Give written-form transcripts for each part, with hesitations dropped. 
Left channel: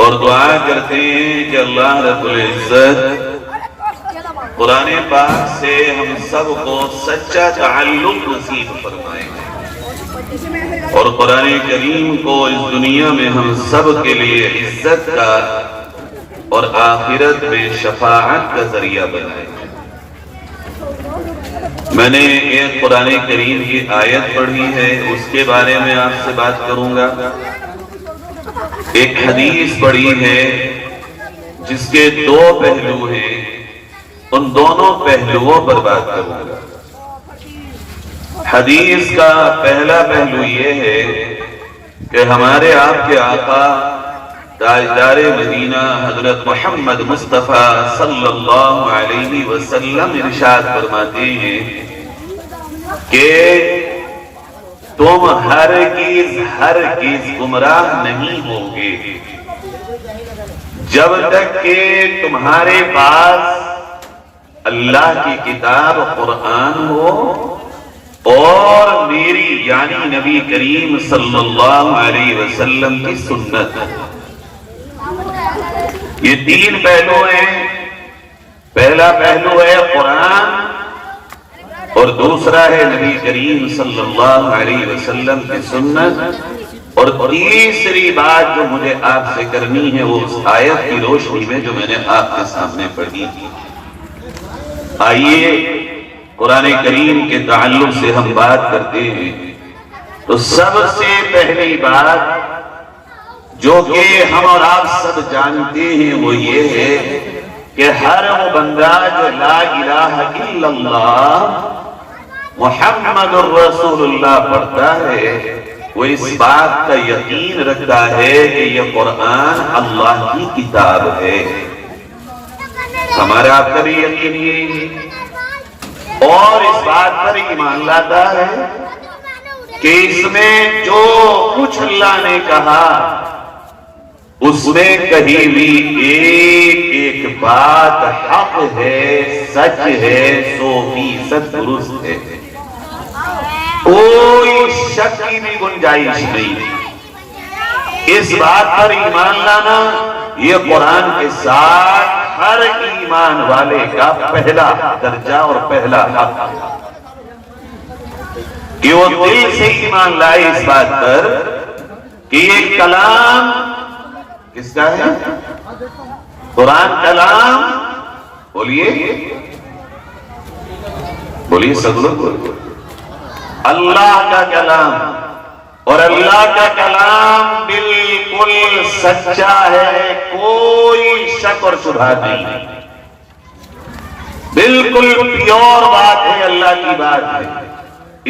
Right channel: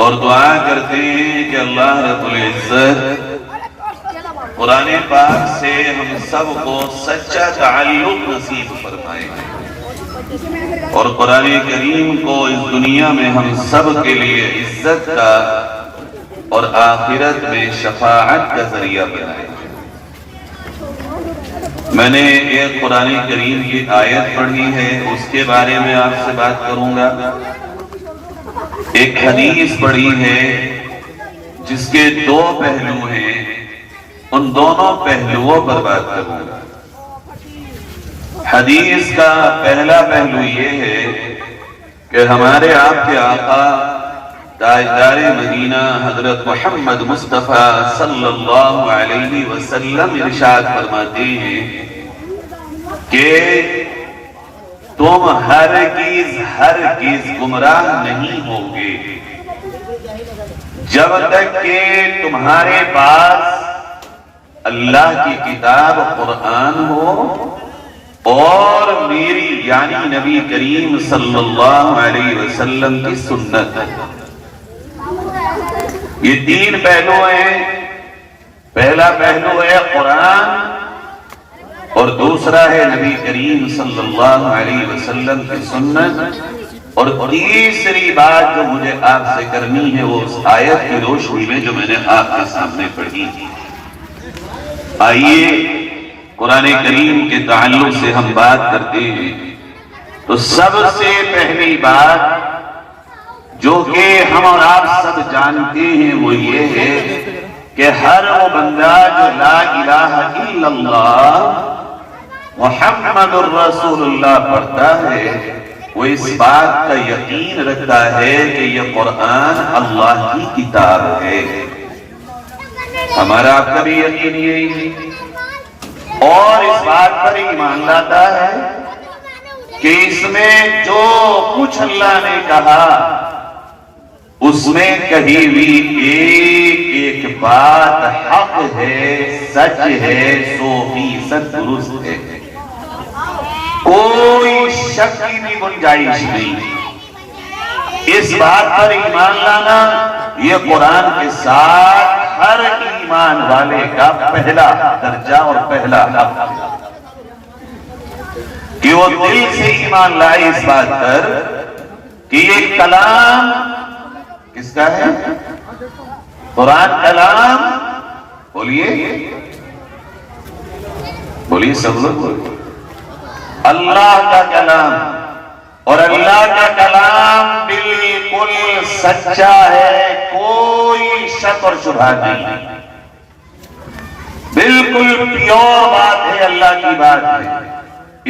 اور دعا کرتے ہیں کہ اللہ رب العزت قرآن پاک سے ہم سب کو سچا تعلق نصیب فرمائے اور قرآن کریم کو اس دنیا میں ہم سب کے لیے عزت کا اور آخرت میں شفاعت کا ذریعہ بنائے۔ میں نے ایک قرآن کریم کی آیت پڑھی ہے، اس کے بارے میں آپ سے بات کروں گا۔ ایک حدیث پڑھی ہے جس کے دو پہلو ہیں، ان دونوں پہلوؤں پر بات کروں گا۔ حدیث کا پہلا پہلو یہ ہے کہ ہمارے آپ کے آقا تاجدار مدینہ حضرت محمد مصطفیٰ صلی اللہ علیہ وسلم ارشاد فرماتے ہیں کہ تم ہرگز گمراہ نہیں ہوگے جب تک کہ تمہارے پاس اللہ کی کتاب قرآن ہو اور میری یعنی نبی کریم صلی اللہ علیہ وسلم کی سنت۔ یہ تین پہلو ہیں، پہلا پہلو ہے قرآن اور دوسرا ہے نبی کریم صلی اللہ علیہ وسلم کی سنت، اور تیسری بات جو مجھے آپ سے کرنی ہے وہ اس آیت کی روشنی میں جو میں نے آپ کے سامنے پڑھی۔ آئیے قرآن کریم کے تعلق سے ہم بات کرتے ہیں۔ تو سب سے پہلی بات جو کہ ہم اور آپ سب جانتے ہیں وہ یہ ہے کہ ہر وہ بندہ جو لا الہ الا اللہ محمد الرسول اللہ پڑھتا ہے وہ اس بات کا یقین رکھتا ہے کہ یہ قرآن اللہ کی کتاب ہے۔ ہمارا آپ کا بھی یقین یہی ہے، اور اس بات پر ایمان لاتا ہے کہ اس میں جو کچھ اللہ نے کہا اس میں کہیں بھی ایک بات حق ہے، سچ ہے، 100% درست ہے، کوئی شک کی بھی گنجائش نہیں۔ اس بات پر ایمان لانا یہ قرآن کے ساتھ ہر ایمان والے کا پہلا درجہ اور پہلا حق ہے کہ وہ دل سے ایمان لائے اس بات پر کہ یہ کلام کس کا ہے؟ قرآن کلام، بولیے سب لوگ، اللہ کا کلام، اور اللہ کا کلام بالکل سچا ہے، کوئی شک اور شبہ نہیں، بالکل پیور بات ہے، اللہ کی بات ہے،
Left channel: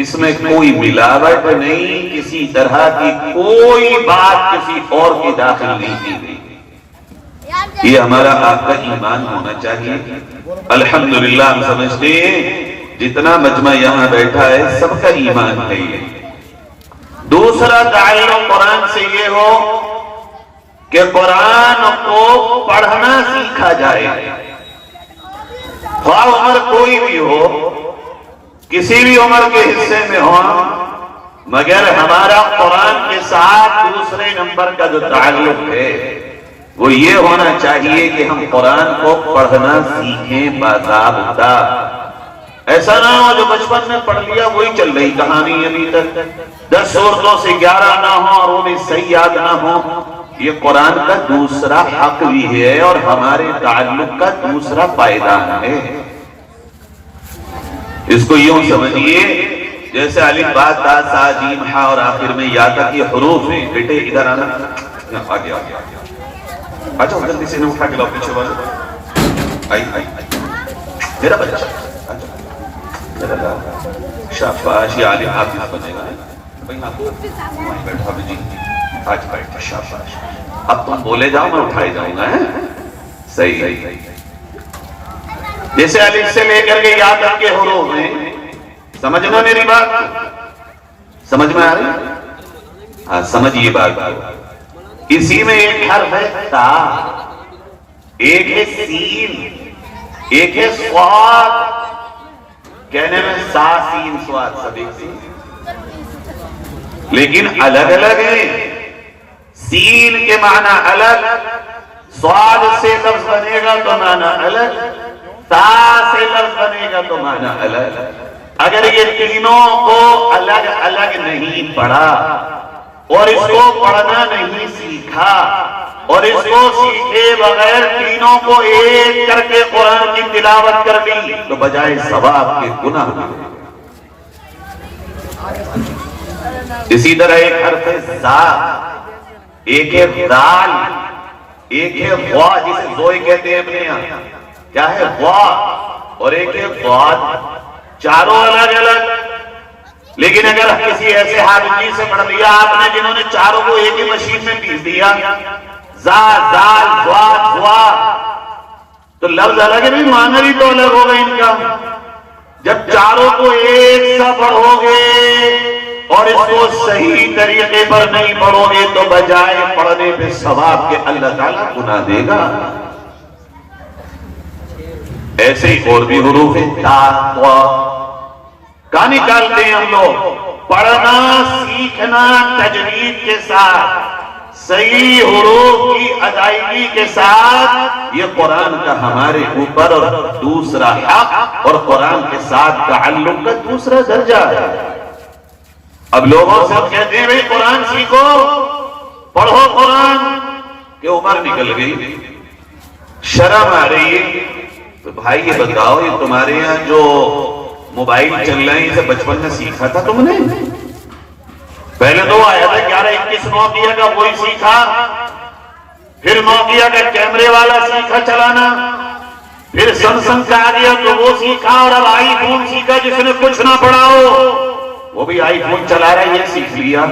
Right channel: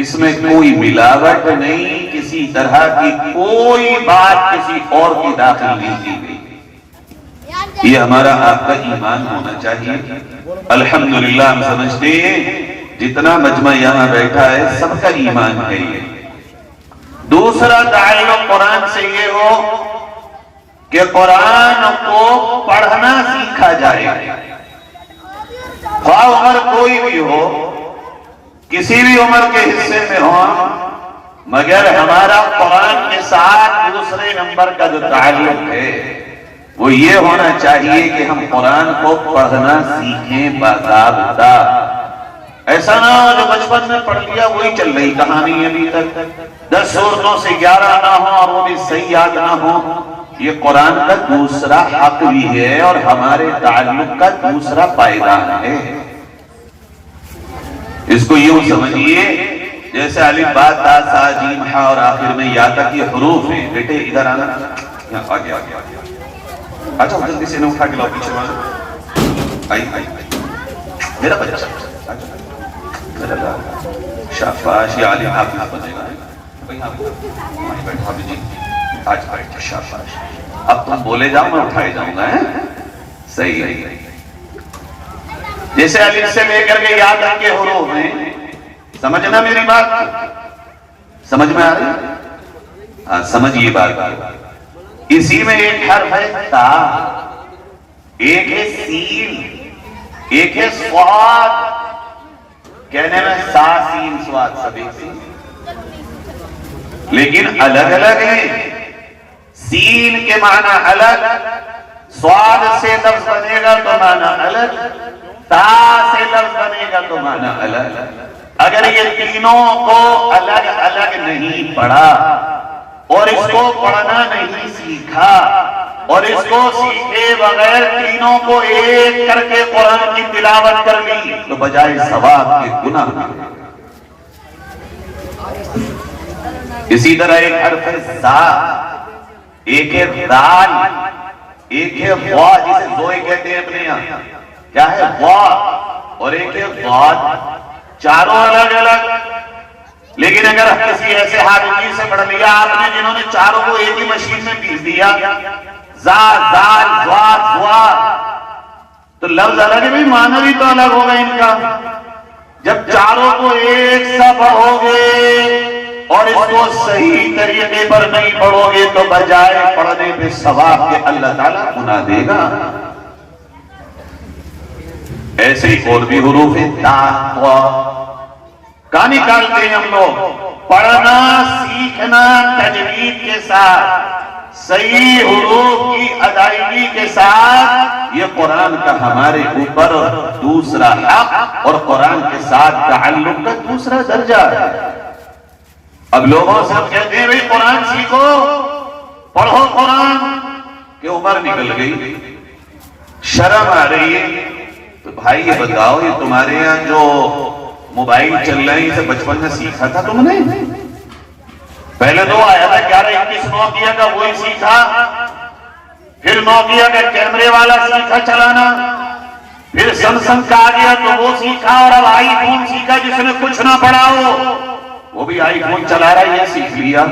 اس میں کوئی ملاوٹ نہیں، کسی طرح کی کوئی بات کسی اور کی داخل نہیں کی گئی۔ یہ ہمارا آپ کا ایمان ہونا چاہیے۔ الحمدللہ ہم سمجھتے ہیں جتنا مجمع یہاں بیٹھا ہے سب کا ایمان ہے یہ۔ دوسرا تعلق قرآن سے یہ ہو کہ قرآن کو پڑھنا سیکھا جائے، خواہ عمر کوئی بھی ہو، کسی بھی عمر کے حصے میں ہو، مگر ہمارا قرآن کے ساتھ دوسرے نمبر کا جو تعلق ہے وہ یہ ہونا چاہیے کہ ہم قرآن کو پڑھنا سیکھیں باضابطہ۔ ایسا نہ ہو جو بچپن میں پڑھ لیا وہی چل رہی کہانی ابھی تک، 10 سورتوں سے 11 نہ ہو اور انہیں صحیح یاد نہ ہو۔ یہ قرآن کا دوسرا حق بھی ہے اور ہمارے تعلق کا دوسرا پائیدان ہے۔ اس کو یوں سمجھیے جیسے الف با تا سا جیم ہا اور آخر میں یا تک یہ حروف ہیں۔ بیٹے ادھر آنا، آگے اچھا جلدی سے انہیں اٹھا کے لاؤ پیچھے والا، آئی میرا بچہ شاباش، یہ عالم حافظ بنے گا بھائی، آپ کو بیٹھا بھی جی آج بیٹھا، شاباش۔ اب تم بولے جاؤ میں اٹھائے جاؤں گا، صحیح ہے۔ جیسے الف سے لے کر کے یا تک کے حروف ہیں، سمجھنا میری بات، سمجھ میں آ رہی؟ ہاں سمجھیے بات۔ اسی میں ایک حرف ہے تا، ایک ہے سین، ایک ہے سواد، کہنے میں سا سین سواد سب ایک سے، لیکن الگ الگ ہیں۔ سین کے معنی الگ، صاد سے لفظ بنے گا تو معنی الگ، تا سے لفظ بنے گا تو معنی الگ۔ اگر یہ تینوں کو الگ الگ نہیں پڑھا اور اس کو پڑھنا نہیں سیکھا اور اس کو سیکھے بغیر تینوں کو ایک کر کے قرآن کی تلاوت کر لی تو بجائے ثواب کے گناہ ہوئے۔ اسی طرح ایک حرف ہے زا، ایک ہے دال، ایک ہے وا جسے زوئی کہتے ہیں اپنے یہاں، کیا ہے وا، اور ایک ہے ضاد، چاروں الگ الگ۔ لیکن اگر کسی ایسے حافظ سے پڑھ لیا آپ نے جنہوں نے چاروں کو ایک ہی مشین میں پیس دیا، زا زال ضاد وا، تو لفظ الگ بھی معنی بھی تو الگ ہوگا ان کا۔ جب چاروں کو ایک سا پڑھو گے اور اس کو صحیح طریقے پر نہیں پڑھو گے تو بجائے پڑھنے پہ ثواب کے اللہ تعالیٰ گناہ دے گا۔ ایسے ہی اور بھی حروف تا وا کا نکالتے ہیں ہم لوگ، پڑھنا سیکھنا تجوید کے ساتھ، صحیح حروف کی ادائیگی کے ساتھ، یہ قرآن کا ہمارے اوپر دوسرا حق اور قرآن کے ساتھ تعلق کا دوسرا درجہ ہے۔ اب لوگوں سے کہتے ہیں بھئی قرآن سیکھو، پڑھو قرآن، کہ عمر نکل گئی، شرم آ رہی ہے، تو بھائی یہ بتاؤ یہ تمہارے یہاں جو موبائل چل رہے ہیں اسے بچپن میں سیکھا تھا تم نے؟ پہلے تو آیا تھا 1121 نوکیا کا وہی سیکھا، پھر نوکیا کا کیمرے والا سیکھا چلانا، پھر سمسنگ کا آ گیا تو وہ سیکھا، اور اب آئی فون سیکھا جس نے کچھ نہ پڑھا ہو وہ بھی آئی فون چلا رہا ہے، یہ سیکھ لیا۔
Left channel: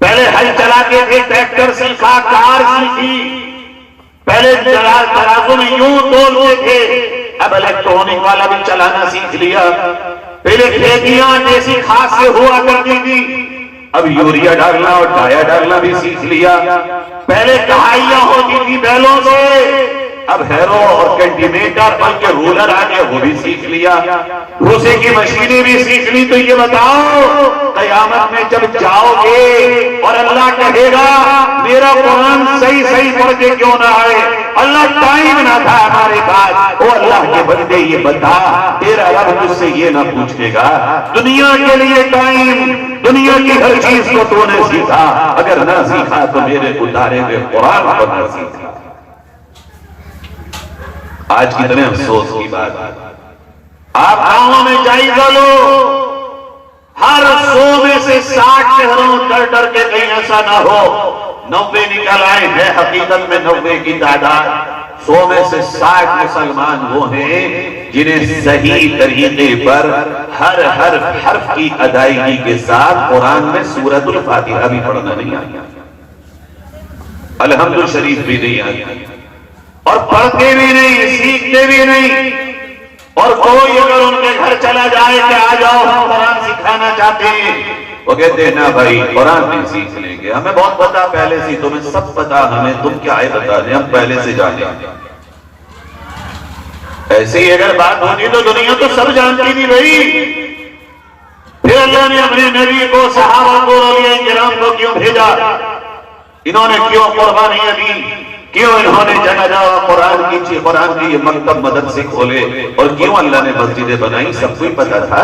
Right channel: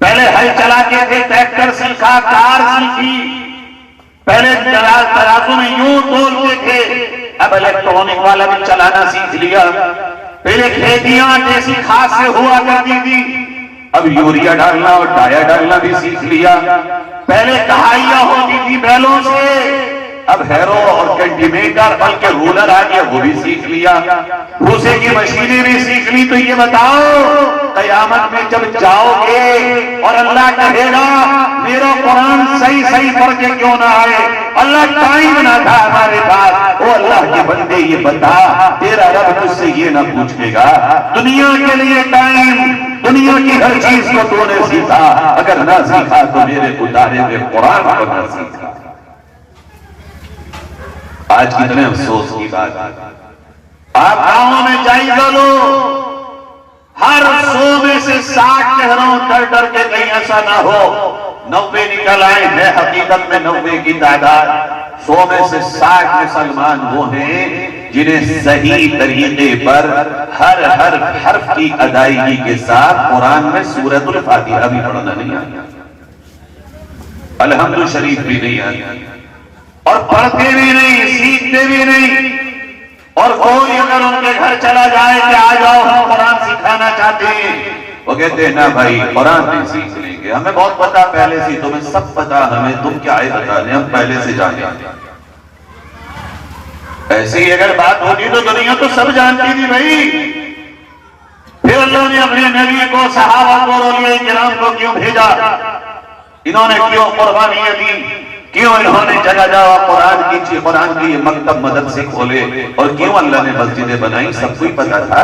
پہلے ہل چلاتے تھے، ٹریکٹر سیکھا، کار سیکھی، پہلے ترازو میں یوں تولتے تھے، اب الیکٹرونک والا بھی چلانا سیکھ لیا۔ پہلے کھیتیاں دیسی کھاد سے ہوا کرتی تھی، اب یوریا ڈالنا اور ڈایا ڈالنا بھی سیکھ لیا۔ پہلے کہائیاں ہوتی تھی بیلوں سے، اب ہیرو اور کینٹیمیٹر بلکہ رولر آ گیا وہ بھی سیکھ لیا، بھوسے کی مشینیں بھی سیکھ لی۔ تو یہ بتاؤ قیامت میں جب جاؤ گے اور اللہ کہے گا میرا قرآن صحیح پڑھ کے کیوں نہ آئے، اللہ ٹائم نہ تھا ہمارے پاس، او اللہ کے بندے یہ بتا تیرا رب تجھ سے یہ نہ پوچھے گا دنیا کے لیے ٹائم، دنیا کی ہر چیز کو تو نے سیکھا، اگر نہ سیکھا تو میرے اتارے ہوئے قرآن کو نہ سیکھا۔ آج کتنے افسوس کی بات ہے، آپ گاؤں میں جائزہ لو، ہر 100 میں سے 60 چہروں ڈر کے کہیں ایسا نہ ہو 90 نکل آئے ہیں، حقیقت میں 90 کی تعداد، 100 میں سے 60 مسلمان وہ ہیں جنہیں صحیح طریقے پر ہر حرف کی ادائیگی کے ساتھ قرآن میں سورۃ الفاتحہ بھی پڑھنا نہیں آتا، الحمد شریف بھی نہیں آتا، اور پڑھتے بھی نہیں، سیکھتے بھی نہیں۔ اور کوئی اگر ان کے گھر چلا جائے کہ آ جاؤ ہم قرآن سکھانا چاہتے ہیں، وہ کہتے ہیں نا بھائی قرآن نہیں سیکھ لیں گے، ہمیں بہت پتا پہلے سے، تمہیں سب پتا، ہمیں تم کیا ہے بتانے، ہم پہلے سے جانے۔ ایسی ہی اگر بات ہوتی تو دنیا تو سب جانتی تھی بھائی، پھر اللہ نے اپنے نبی کو، صحابہ کو، اولیاء کرام کو کیوں بھیجا، انہوں نے کیوں قربانیاں دی، کیوں انہوں نے جگہ جگہ قرآن کی یہ مکتب مدرسے کھولے، اور کیوں اللہ نے مسجدیں بنائی، سب کو ہی پتا تھا،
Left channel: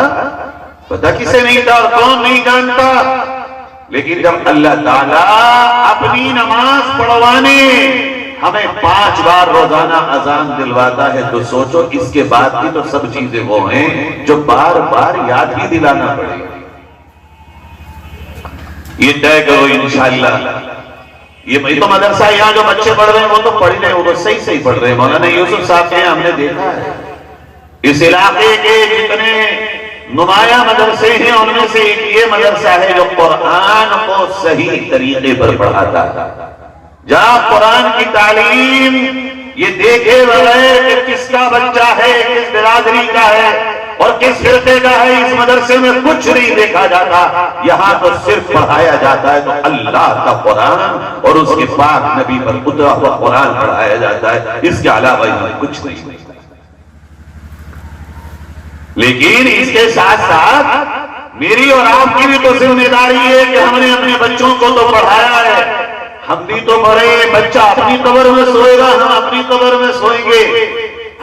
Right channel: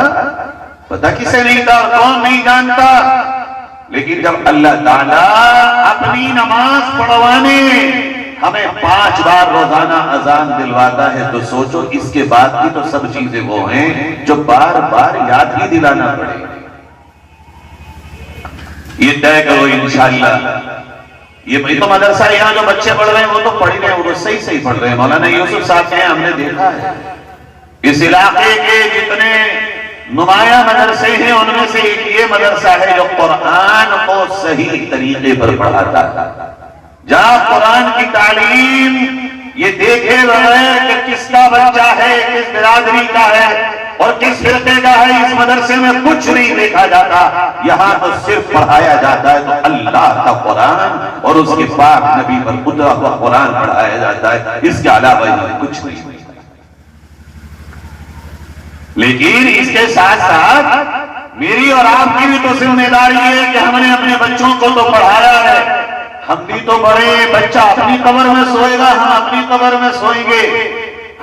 پتا کسے نہیں تھا اور کون نہیں جانتا۔ لیکن جب اللہ تعالیٰ اپنی نماز پڑھوانے ہمیں 5 بار روزانہ اذان دلواتا ہے تو سوچو اس کے بعد کی تو سب چیزیں وہ ہیں جو بار بار یاد ہی دلانا پڑے۔ یہ طے کرو انشاءاللہ، یہ تو مدرسہ یہاں جو بچے پڑھ رہے ہیں وہ تو پڑھ رہے ہیں، وہ تو صحیح پڑھ رہے ہیں۔ مولانا یوسف صاحب کے ہم نے دیکھا ہے اس علاقے کے جتنے نمایاں مدرسے ہیں ان میں سے ایک یہ مدرسہ ہے جو قرآن کو صحیح طریقے پر پڑھاتا ہے، جہاں قرآن کی تعلیم یہ دیکھے بغیر کہ کس کا بچہ ہے، کس برادری کا ہے اور کس فرقے کا ہے، اس مدرسے میں کچھ نہیں دیکھا جاتا، یہاں تو صرف پڑھایا جاتا ہے تو اللہ کا قرآن اور اس کے پاک نبی پر اترا ہوا قرآن پڑھایا جاتا ہے، اس کے علاوہ یہاں کچھ نہیں۔ لیکن اس کے ساتھ ساتھ میری اور آپ کی بھی تو ذمہ داری ہے کہ ہم نے اپنے بچوں کو تو پڑھایا ہے، ہم بھی تو بڑے ہیں، بچہ اپنی قبر میں سوئے گا، ہم اپنی قبر میں سوئیں گے،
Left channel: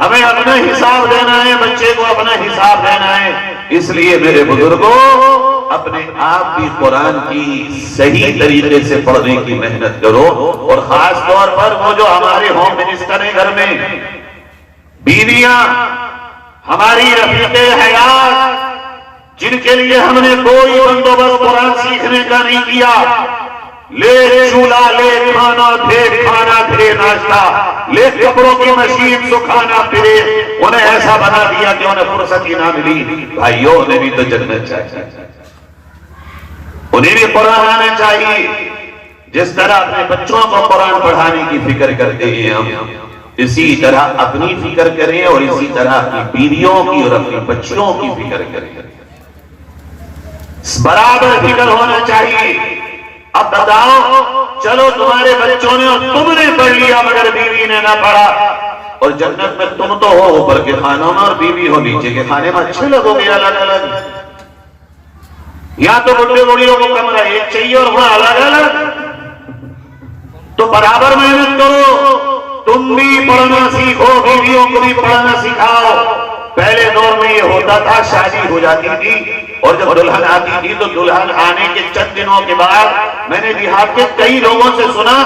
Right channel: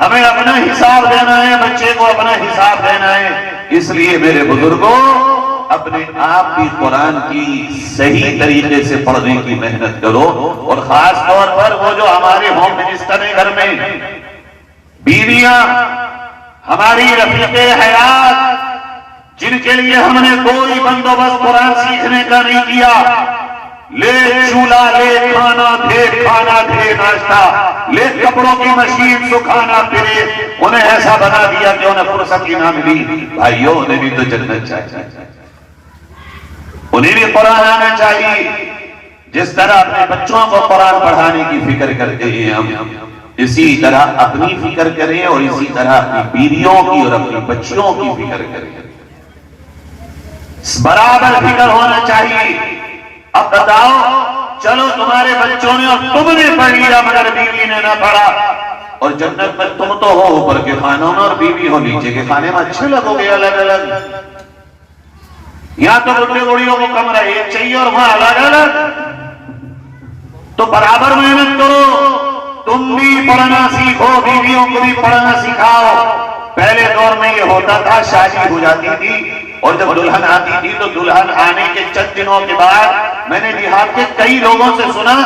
ہمیں اپنا حساب دینا ہے، بچے کو اپنا حساب دینا ہے۔ اس لیے میرے بزرگوں، اپنے آپ بھی قرآن کی صحیح طریقے سے پڑھنے کی محنت کرو، اور خاص طور پر وہ جو ہمارے ہوم منسٹر ہیں گھر میں، بیویاں، ہماری رفیق حیات، جن کے لیے ہم نے کوئی بندوبست قرآن سیکھنے کا نہیں کیا، لے چولہا، لے کھانا دے ناشتہ، لے کپڑوں کی مشین سکھانا پھرے، انہیں ایسا بنا دیا کہ انہیں فرصت ہی نہ ملی۔ بھائیوں، انہیں بھی تو جنت چاہیے، انہیں بھی قرآن آنا چاہیے۔ جس طرح اپنے بچوں کو قرآن پڑھانے کی فکر کرتے ہیں ہم، اسی طرح اپنی فکر کریں، اور اسی طرح اپنی بیویوں کی اور اپنی بچیوں کی فکر کریں، برابر فکر ہونا چاہیے۔ اب بتاؤ، چلو تمہارے بچوں نے اور تم نے پڑھ لیا مگر بیوی نے نہ پڑھا، اور جنت میں تم تو ہو اوپر کے خانوں میں اور بیوی ہو نیچے کے خانے میں، اچھے لگو گے الگ الگ؟ یہاں تو بڑھے بوڑھیوں کو کمرہ ایک چاہیے اور وہاں الگ الگ، تو برابر محنت کرو، تم بھی پڑھنا سیکھو، بیویوں کو بھی پڑھنا سکھاؤ۔ پہلے دور میں یہ ہوتا تھا، شادی ہو جاتی تھی اور جب دلہن آتی تھی تو دلہن آنے کے چند دنوں کے بعد میں نے دیہات کے کئی لوگوں سے سنا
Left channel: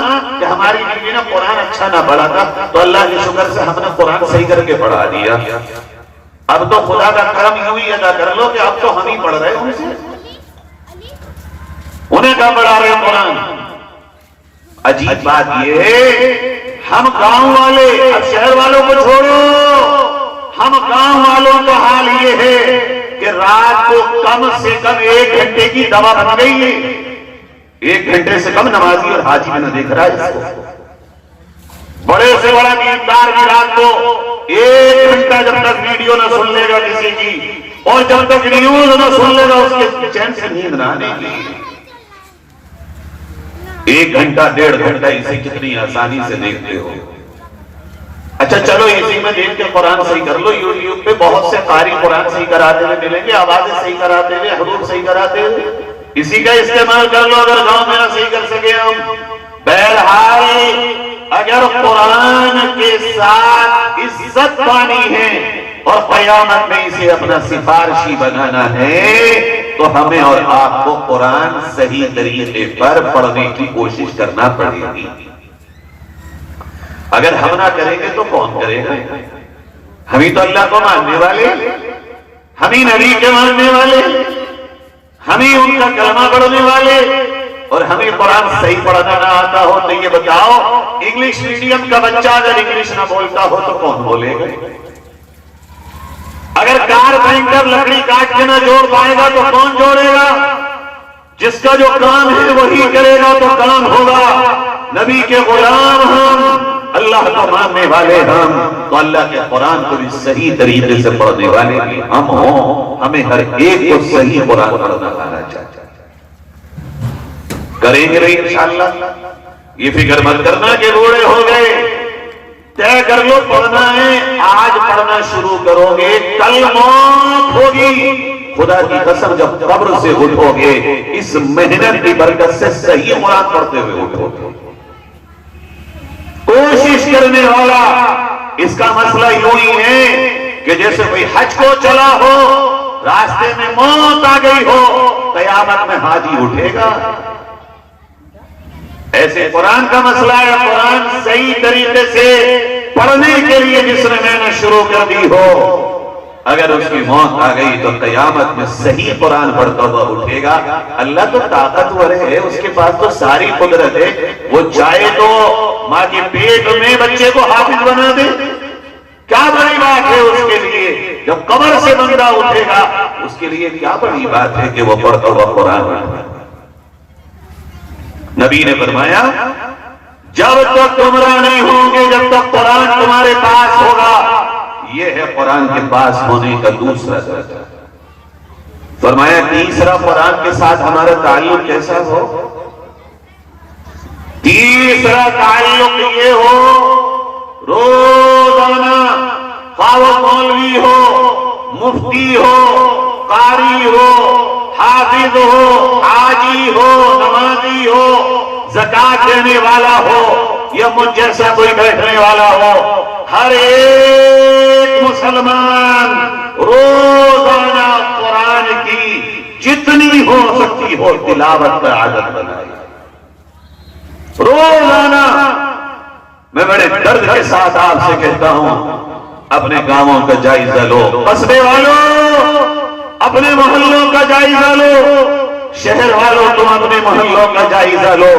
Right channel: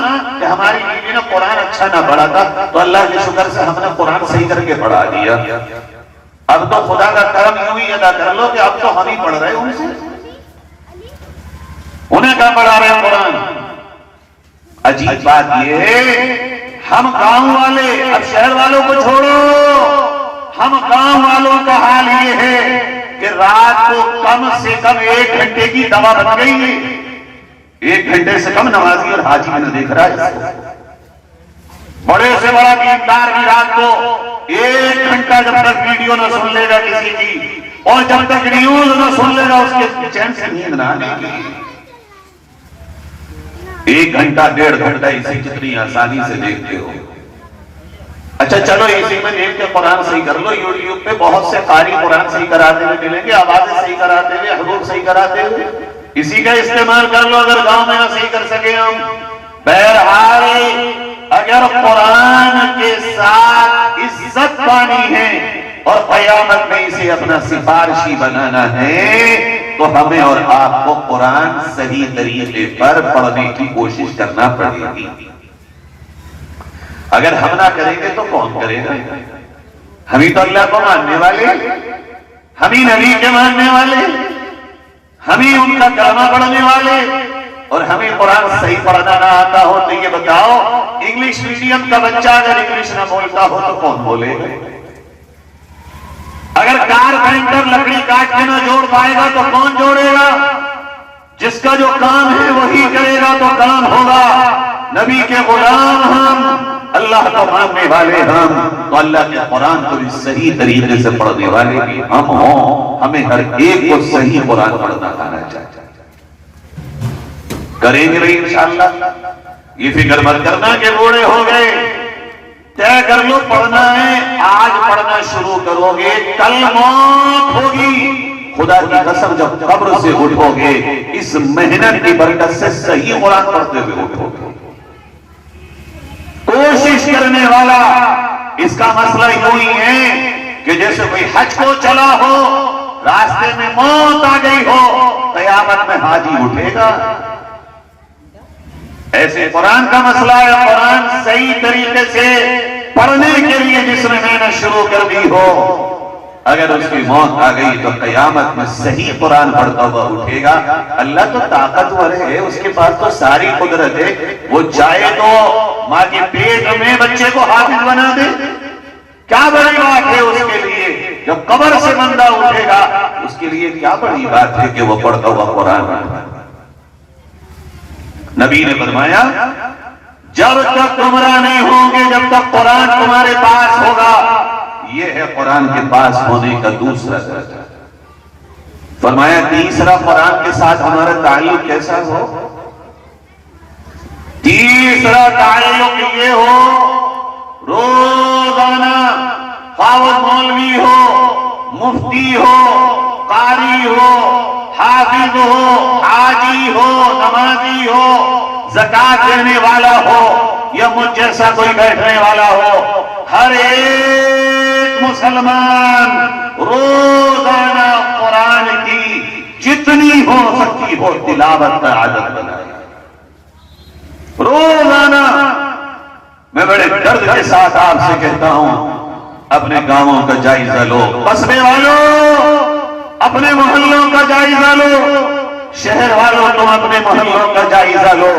کہ ہماری بیوی نے قرآن اچھا نہ پڑھا تھا، تو اللہ کے شکر سے ہم نے قرآن صحیح کر کے پڑھا دیا۔ اب تو خدا کا کرم یوں ہی ادا کر لو کہ اب تو ہم ہی پڑھ رہے ہیں ان سے، انہیں کہاں پڑھا رہے ہیں قرآن۔ عجیب بات یہ ہے، ہم گاؤں والے، اب شہر والوں کو چھوڑو، ہم گاؤں والوں کا حال یہ ہے کہ رات کو کم سے کم 1 گھنٹے کی دوا بن گئی ہے، 1 گھنٹے سے کم نمازی اور حاجی میں نہ دیکھ رہا ہے اس کو۔ بڑے سے بڑا دیندار بھی رات کو 1 گھنٹہ جب تک ویڈیو نہ سن لے گا کسی کی، اور جب تک نیوز نہ سن لے گا اس کے چین سے نیند نہ آنے کی، 1 گھنٹہ 1.5 گھنٹہ اسے کتنی آسانی سے دیکھتے ہو۔ اچھا چلو اسی میں دیکھ کے قرآن صحیح کر لو، یوٹیوب پہ بہت سے قاری قرآن صحیح کراتے ہوئے ملیں گے، آوازیں صحیح کراتے ہوئے، حروف صحیح کراتے ہوئے، اسی کا استعمال کر لو اگر گاؤں میں نہ صحیح کر سکے ہم۔ بہرحال اگر قرآن کے ساتھ عزت پانی ہے اور قیامت میں اسے اپنا سفارشی بنانا ہے تو ہمیں اور آپ کو قرآن صحیح طریقے پر پڑھنے کی کوشش کرنا پڑے گی۔ اگر ہم نہ کریں گے تو کون کرے گا؟ ہم ہی تو اللہ کو ماننے والے، ہم ہی نبی کے ماننے والے، ہم ہی ان کا کلمہ پڑھنے والے، اور ہمیں قرآن صحیح پڑھنا نہ آتا ہو تو یہ بتاؤ، انگلش میڈیم کا بچہ اگر انگلش نہ بولتا ہو تو کون بولے گا؟ اگر کارپینٹر لکڑی کاٹ کے نہ جوڑ پائے گا تو کون جوڑے گا؟ جس کا جو کام ہے وہی کرے گا تو کام ہوگا۔ نبی کے غلام ہم، اللہ کو ماننے والے ہم، تو اللہ کے قرآن کو بھی صحیح طریقے سے پڑھنے والے بھی ہم ہوں۔ ہمیں ہر ایک کو صحیح قرآن پڑھنا آنا چاہیے، کریں گے بھائی انشاءاللہ۔ یہ فکر مت کرنا کہ بوڑھے ہو گئے، طے کر لو پڑھنا ہے، آج پڑھنا شروع کرو گے، کل موت ہوگی۔ خدا کی قسم جب قبر سے اٹھو گے اس محنت کی برکت سے صحیح قرآن پڑھتے ہوئے اٹھو گے۔ کوشش کرنے والا، اس کا مسئلہ یوں ہی ہے کہ جیسے کوئی حج کو چلا ہو، راستے میں موت آ گئی ہو، قیامت میں حاجی اٹھے گا۔ ایسے قرآن کا مسئلہ ہے، قرآن صحیح طریقے سے پڑھنے کے لیے جس نے محنت شروع کر دی ہو، اگر اس کی موت آ گئی تو قیامت میں صحیح قرآن پڑھتا ہوا اٹھے گا۔ اللہ تو طاقتور ہے، اس کے پاس تو ساری قدرت ہے، وہ چاہے تو ماں کی پیٹ میں بچے کو حافظ بنا دے، کیا بڑی بات ہے اس کے لیے؟ جب قبر سے بندہ اٹھے گا اس کے لیے کیا بڑی بات ہے کہ وہ پڑھتا ہوا قرآن پڑھتا۔ نبی نے فرمایا جب تک گمراہ نہیں ہوں گے جب تک قرآن تمہارے پاس ہوگا۔ یہ ہے قرآن کے پاس ہونے کا دوسرا درجہ۔ فرمایا تیسرا، قرآن کے ساتھ ہمارا تعلق کیسا ہو؟ تیسرا تعلق یہ ہو، روزانہ خواہ وہ مولوی ہو، مفتی ہو، قاری ہو، حافظ ہو، حاجی ہو، نمازی ہو، زکات دینے والا ہو یا مجھ جیسا کوئی بیٹھنے والا ہو، ہر ایک مسلمان روزانہ قرآن کی جتنی ہو سکتی ہو تلاوت پر عادت بنائے روزانہ۔ میں بڑے درد کے ساتھ آپ سے کہتا ہوں، اپنے گاؤں کا جائزہ لو، قصبے والوں اپنے محلوں کا جائزہ لو، شہر والوں تم اپنے محلوں کا جائزہ لو۔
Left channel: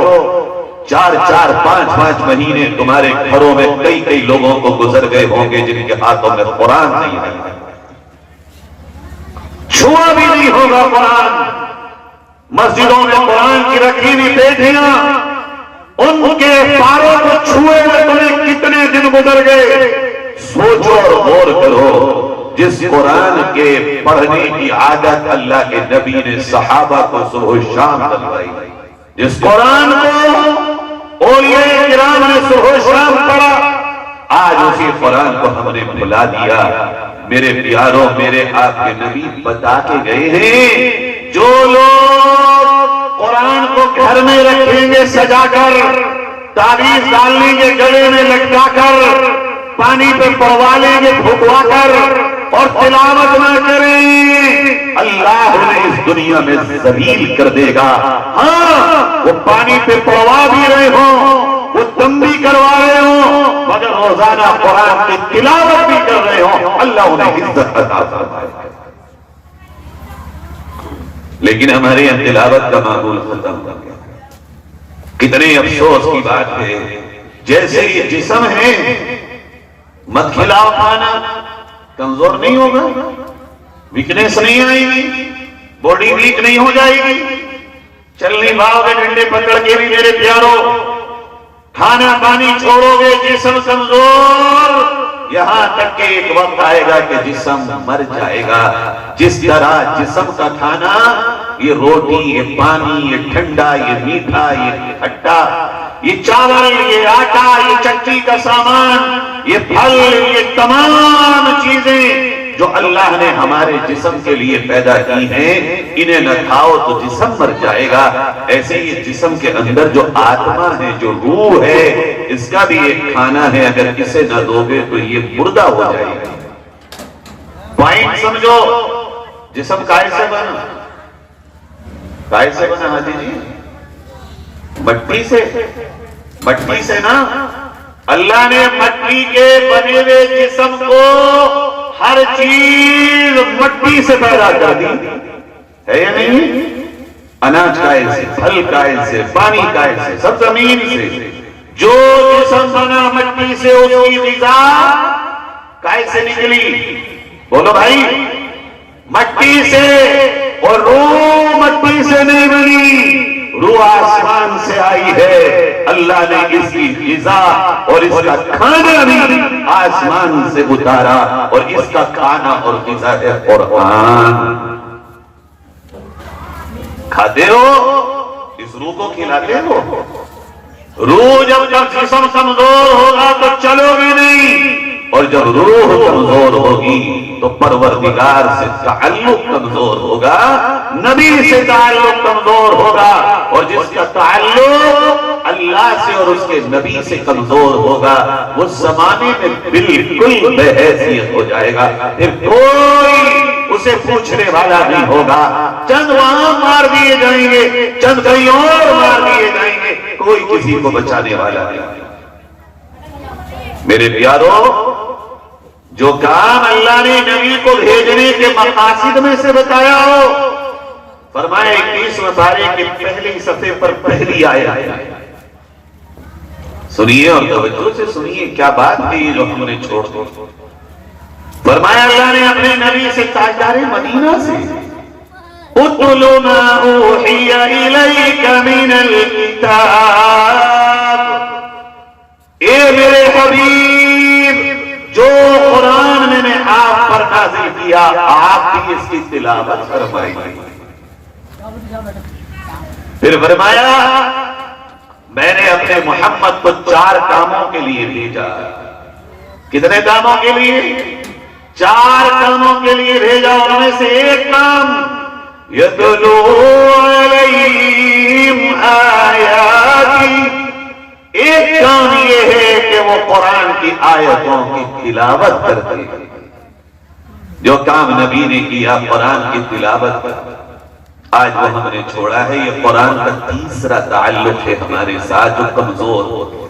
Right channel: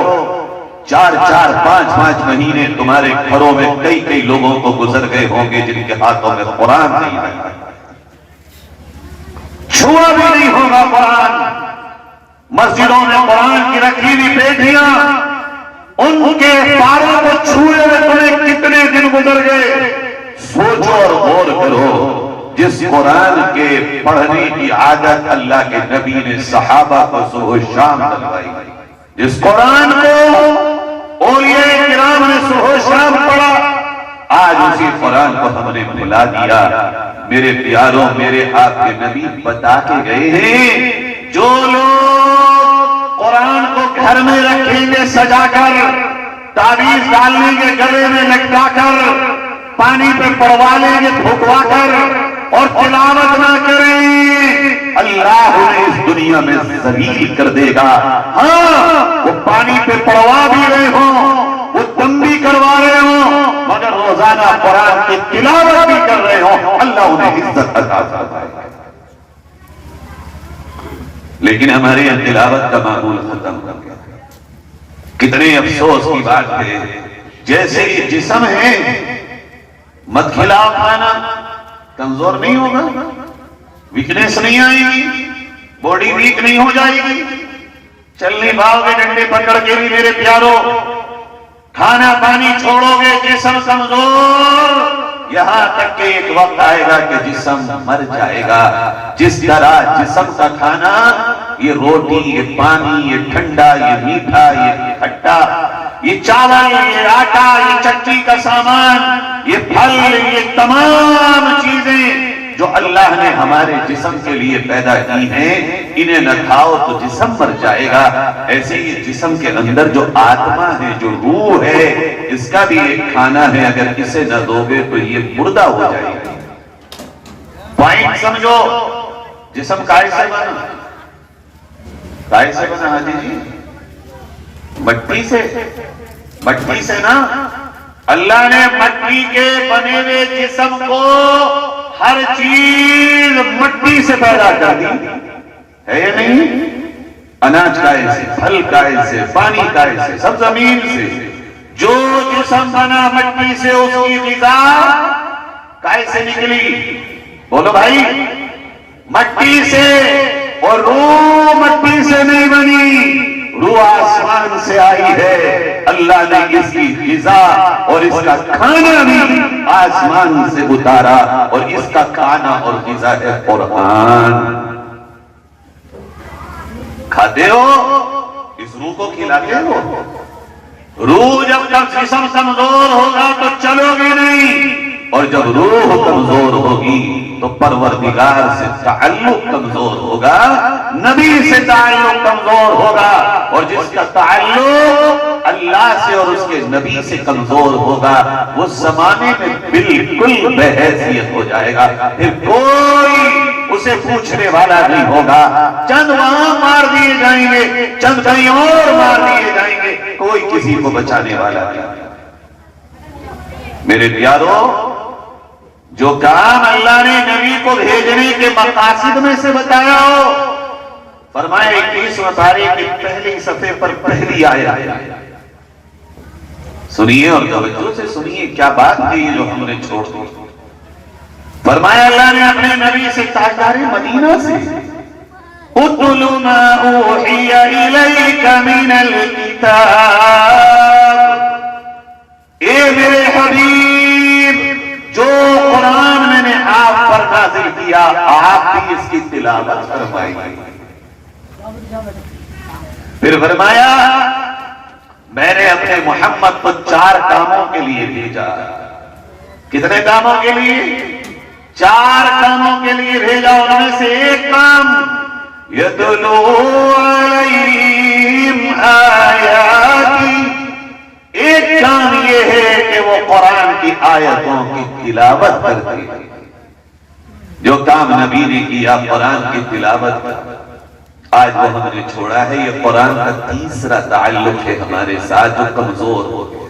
4 5 مہینے تمہارے گھروں میں کئی لوگوں کو گزر گئے ہوں گے جن کے ہاتھوں میں قرآن نہیں ہے، چھوا بھی نہیں ہوگا قرآن۔ مسجدوں میں قرآن کی رکھی ہوئی بیٹیاں، ان کے پاروں کو چھوئے ہوئے تمہیں کتنے دن گزر گئے؟ سوچو اور غور کرو۔ جس قرآن کے پڑھنے کی عادت اللہ کے نبی نے صحابہ کو صبح و شام دلوائی، جس قرآن کو اولیاء کرام نے صبح و شام پڑھا، آج اسی قرآن کو ہم نے بھلا دیا۔ میرے پیاروں، میرے آپ کے نبی بتا کے گئے ہیں، جو لوگ قرآن کو گھر میں رکھیں گے سجا کر، تعویذ ڈال لیں گے گلے میں لٹکا کر، پانی پہ پڑوا لیں گے بھگوا کر، اور تلاوت نہ کریں، اللہ انہیں اس دنیا میں ذلیل کر دے گا۔ ہاں، وہ پانی پہ پڑوا بھی رہے ہوں، وہ دم بھی کروا رہے ہوں، مگر روزانہ قرآن کی تلاوت بھی کر رہے ہوں، اللہ انہیں عزت عطا فرمائے گا۔ لیکن ہمارے یہاں تلاوت کا معمول ختم ہو گیا۔ کتنے افسوس کی بات ہے، جیسے یہ جسم ہے، مت کھلاؤ کھانا، کمزور نہیں ہوگا، ویکنیس نہیں آئے گی، باڈی ویک نہیں ہو جائے گی، چل نہیں پاؤ گے ڈنڈے پکڑ کے بھی میرے پیاروں، کھانا پانی چھوڑو گے، جسم کمزور، یہاں تک کہ ایک وقت آئے گا کہ جسم مر جائے گا۔ جس طرح جسم کا کھانا، یہ روٹی، یہ پانی، یہ ٹھنڈا، یہ میٹھا، یہ کھٹا، یہ چاول، یہ آٹا، یہ چٹنی کا سامان، یہ پھل، یہ تمام چیزیں جو اللہ نے ہمارے جسم کے لیے پیدا کی ہیں، انہیں نہ کھاؤ تو جسم مر جائے گا۔ ایسے ہی جسم کے اندر جو آتما ہے، جو روح ہے، اس کا بھی ایک کھانا ہے، اگر اسے نہ دو گے تو یہ مردہ ہو جائے گا۔ پوائنٹ سمجھو، جسم کائے سے بنا؟ کائے سے بنا حاجی جی؟ مٹی سے، مٹی سے نا۔ اللہ نے مٹی کے بنے ہوئے جسم کو ہر چیز مٹی سے پیدا کر دی ہے یا نہیں؟ اناج کائے سے، پھل کائے سے، پانی کائے سے، سب زمین سے۔ جو جسم بنا مٹی سے، اس کی غذا کائے سے نکلی؟ بولو بھائی، مٹی سے۔ اور روح مٹی سے نہیں بنی، روح آسمان سے آئی ہے۔ اللہ نے اس کی غذا اور اس کا کھانا بھی آسمان سے اتارا، اور اس کا کھانا اور غذا ہے قرآن۔ کھاتے ہو، اس روح کو کھلاتے ہو۔ روح جب تک جسم کمزور ہوگا تو چلو گے نہیں، اور جب روح کمزور ہوگی تو پروردگار سے تعلق کمزور ہوگا، نبی سے تعلق کمزور ہوگا، اور جس کا تعلق اللہ سے اور اس کے نبی سے کمزور ہوگا، وہ زمانے میں بالکل بے حیثیت ہو جائے گا۔ پھر کوئی اسے پوچھنے والا نہیں ہوگا۔ چند وہاں مار دیے جائیں گے، چند کہیں اور مار دیے جائیں گے، کوئی کسی کو بچانے والا نہیں۔ میرے پیاروں، جو کام اللہ نے نبی کو بھیجنے کے مقاصد میں سے بتایا ہو، فرمائے 21 پارے کے پہلی صفحے پر پہلی آیت، سنیے اور توجہ سے سنیے، کیا بات ہے یہ جو ہم نے چھوڑ دو۔ فرمایا اللہ نے اپنے نبی سے، تاجدار مدینہ سے، اُتْلُ مَا أُوحِيَ إِلَيْكَ مِنَ الْكِتَابِ، اے میرے حبیب، جو قرآن میں نے آپ پر نازل کیا، آپ بھی اس کی تلاوت فرمائیے۔ پھر فرمایا میں نے اپنے محمد کو 4 کاموں کے لیے بھیجا۔ کتنے کاموں کے لیے؟ 4 کاموں کے لیے بھیجا۔ ان میں سے ایک کام، یتلو علیہم آیاتی ایک کام یہ ہے کہ وہ قرآن کی آیتوں کی تلاوت کرتے ہیں. جو کام نبی نے کیا قرآن کی تلاوت، آج وہ ہم نے چھوڑا ہے. یہ قرآن کا تیسرا تعلق ہے ہمارے ساتھ جو کمزور ہو گیا.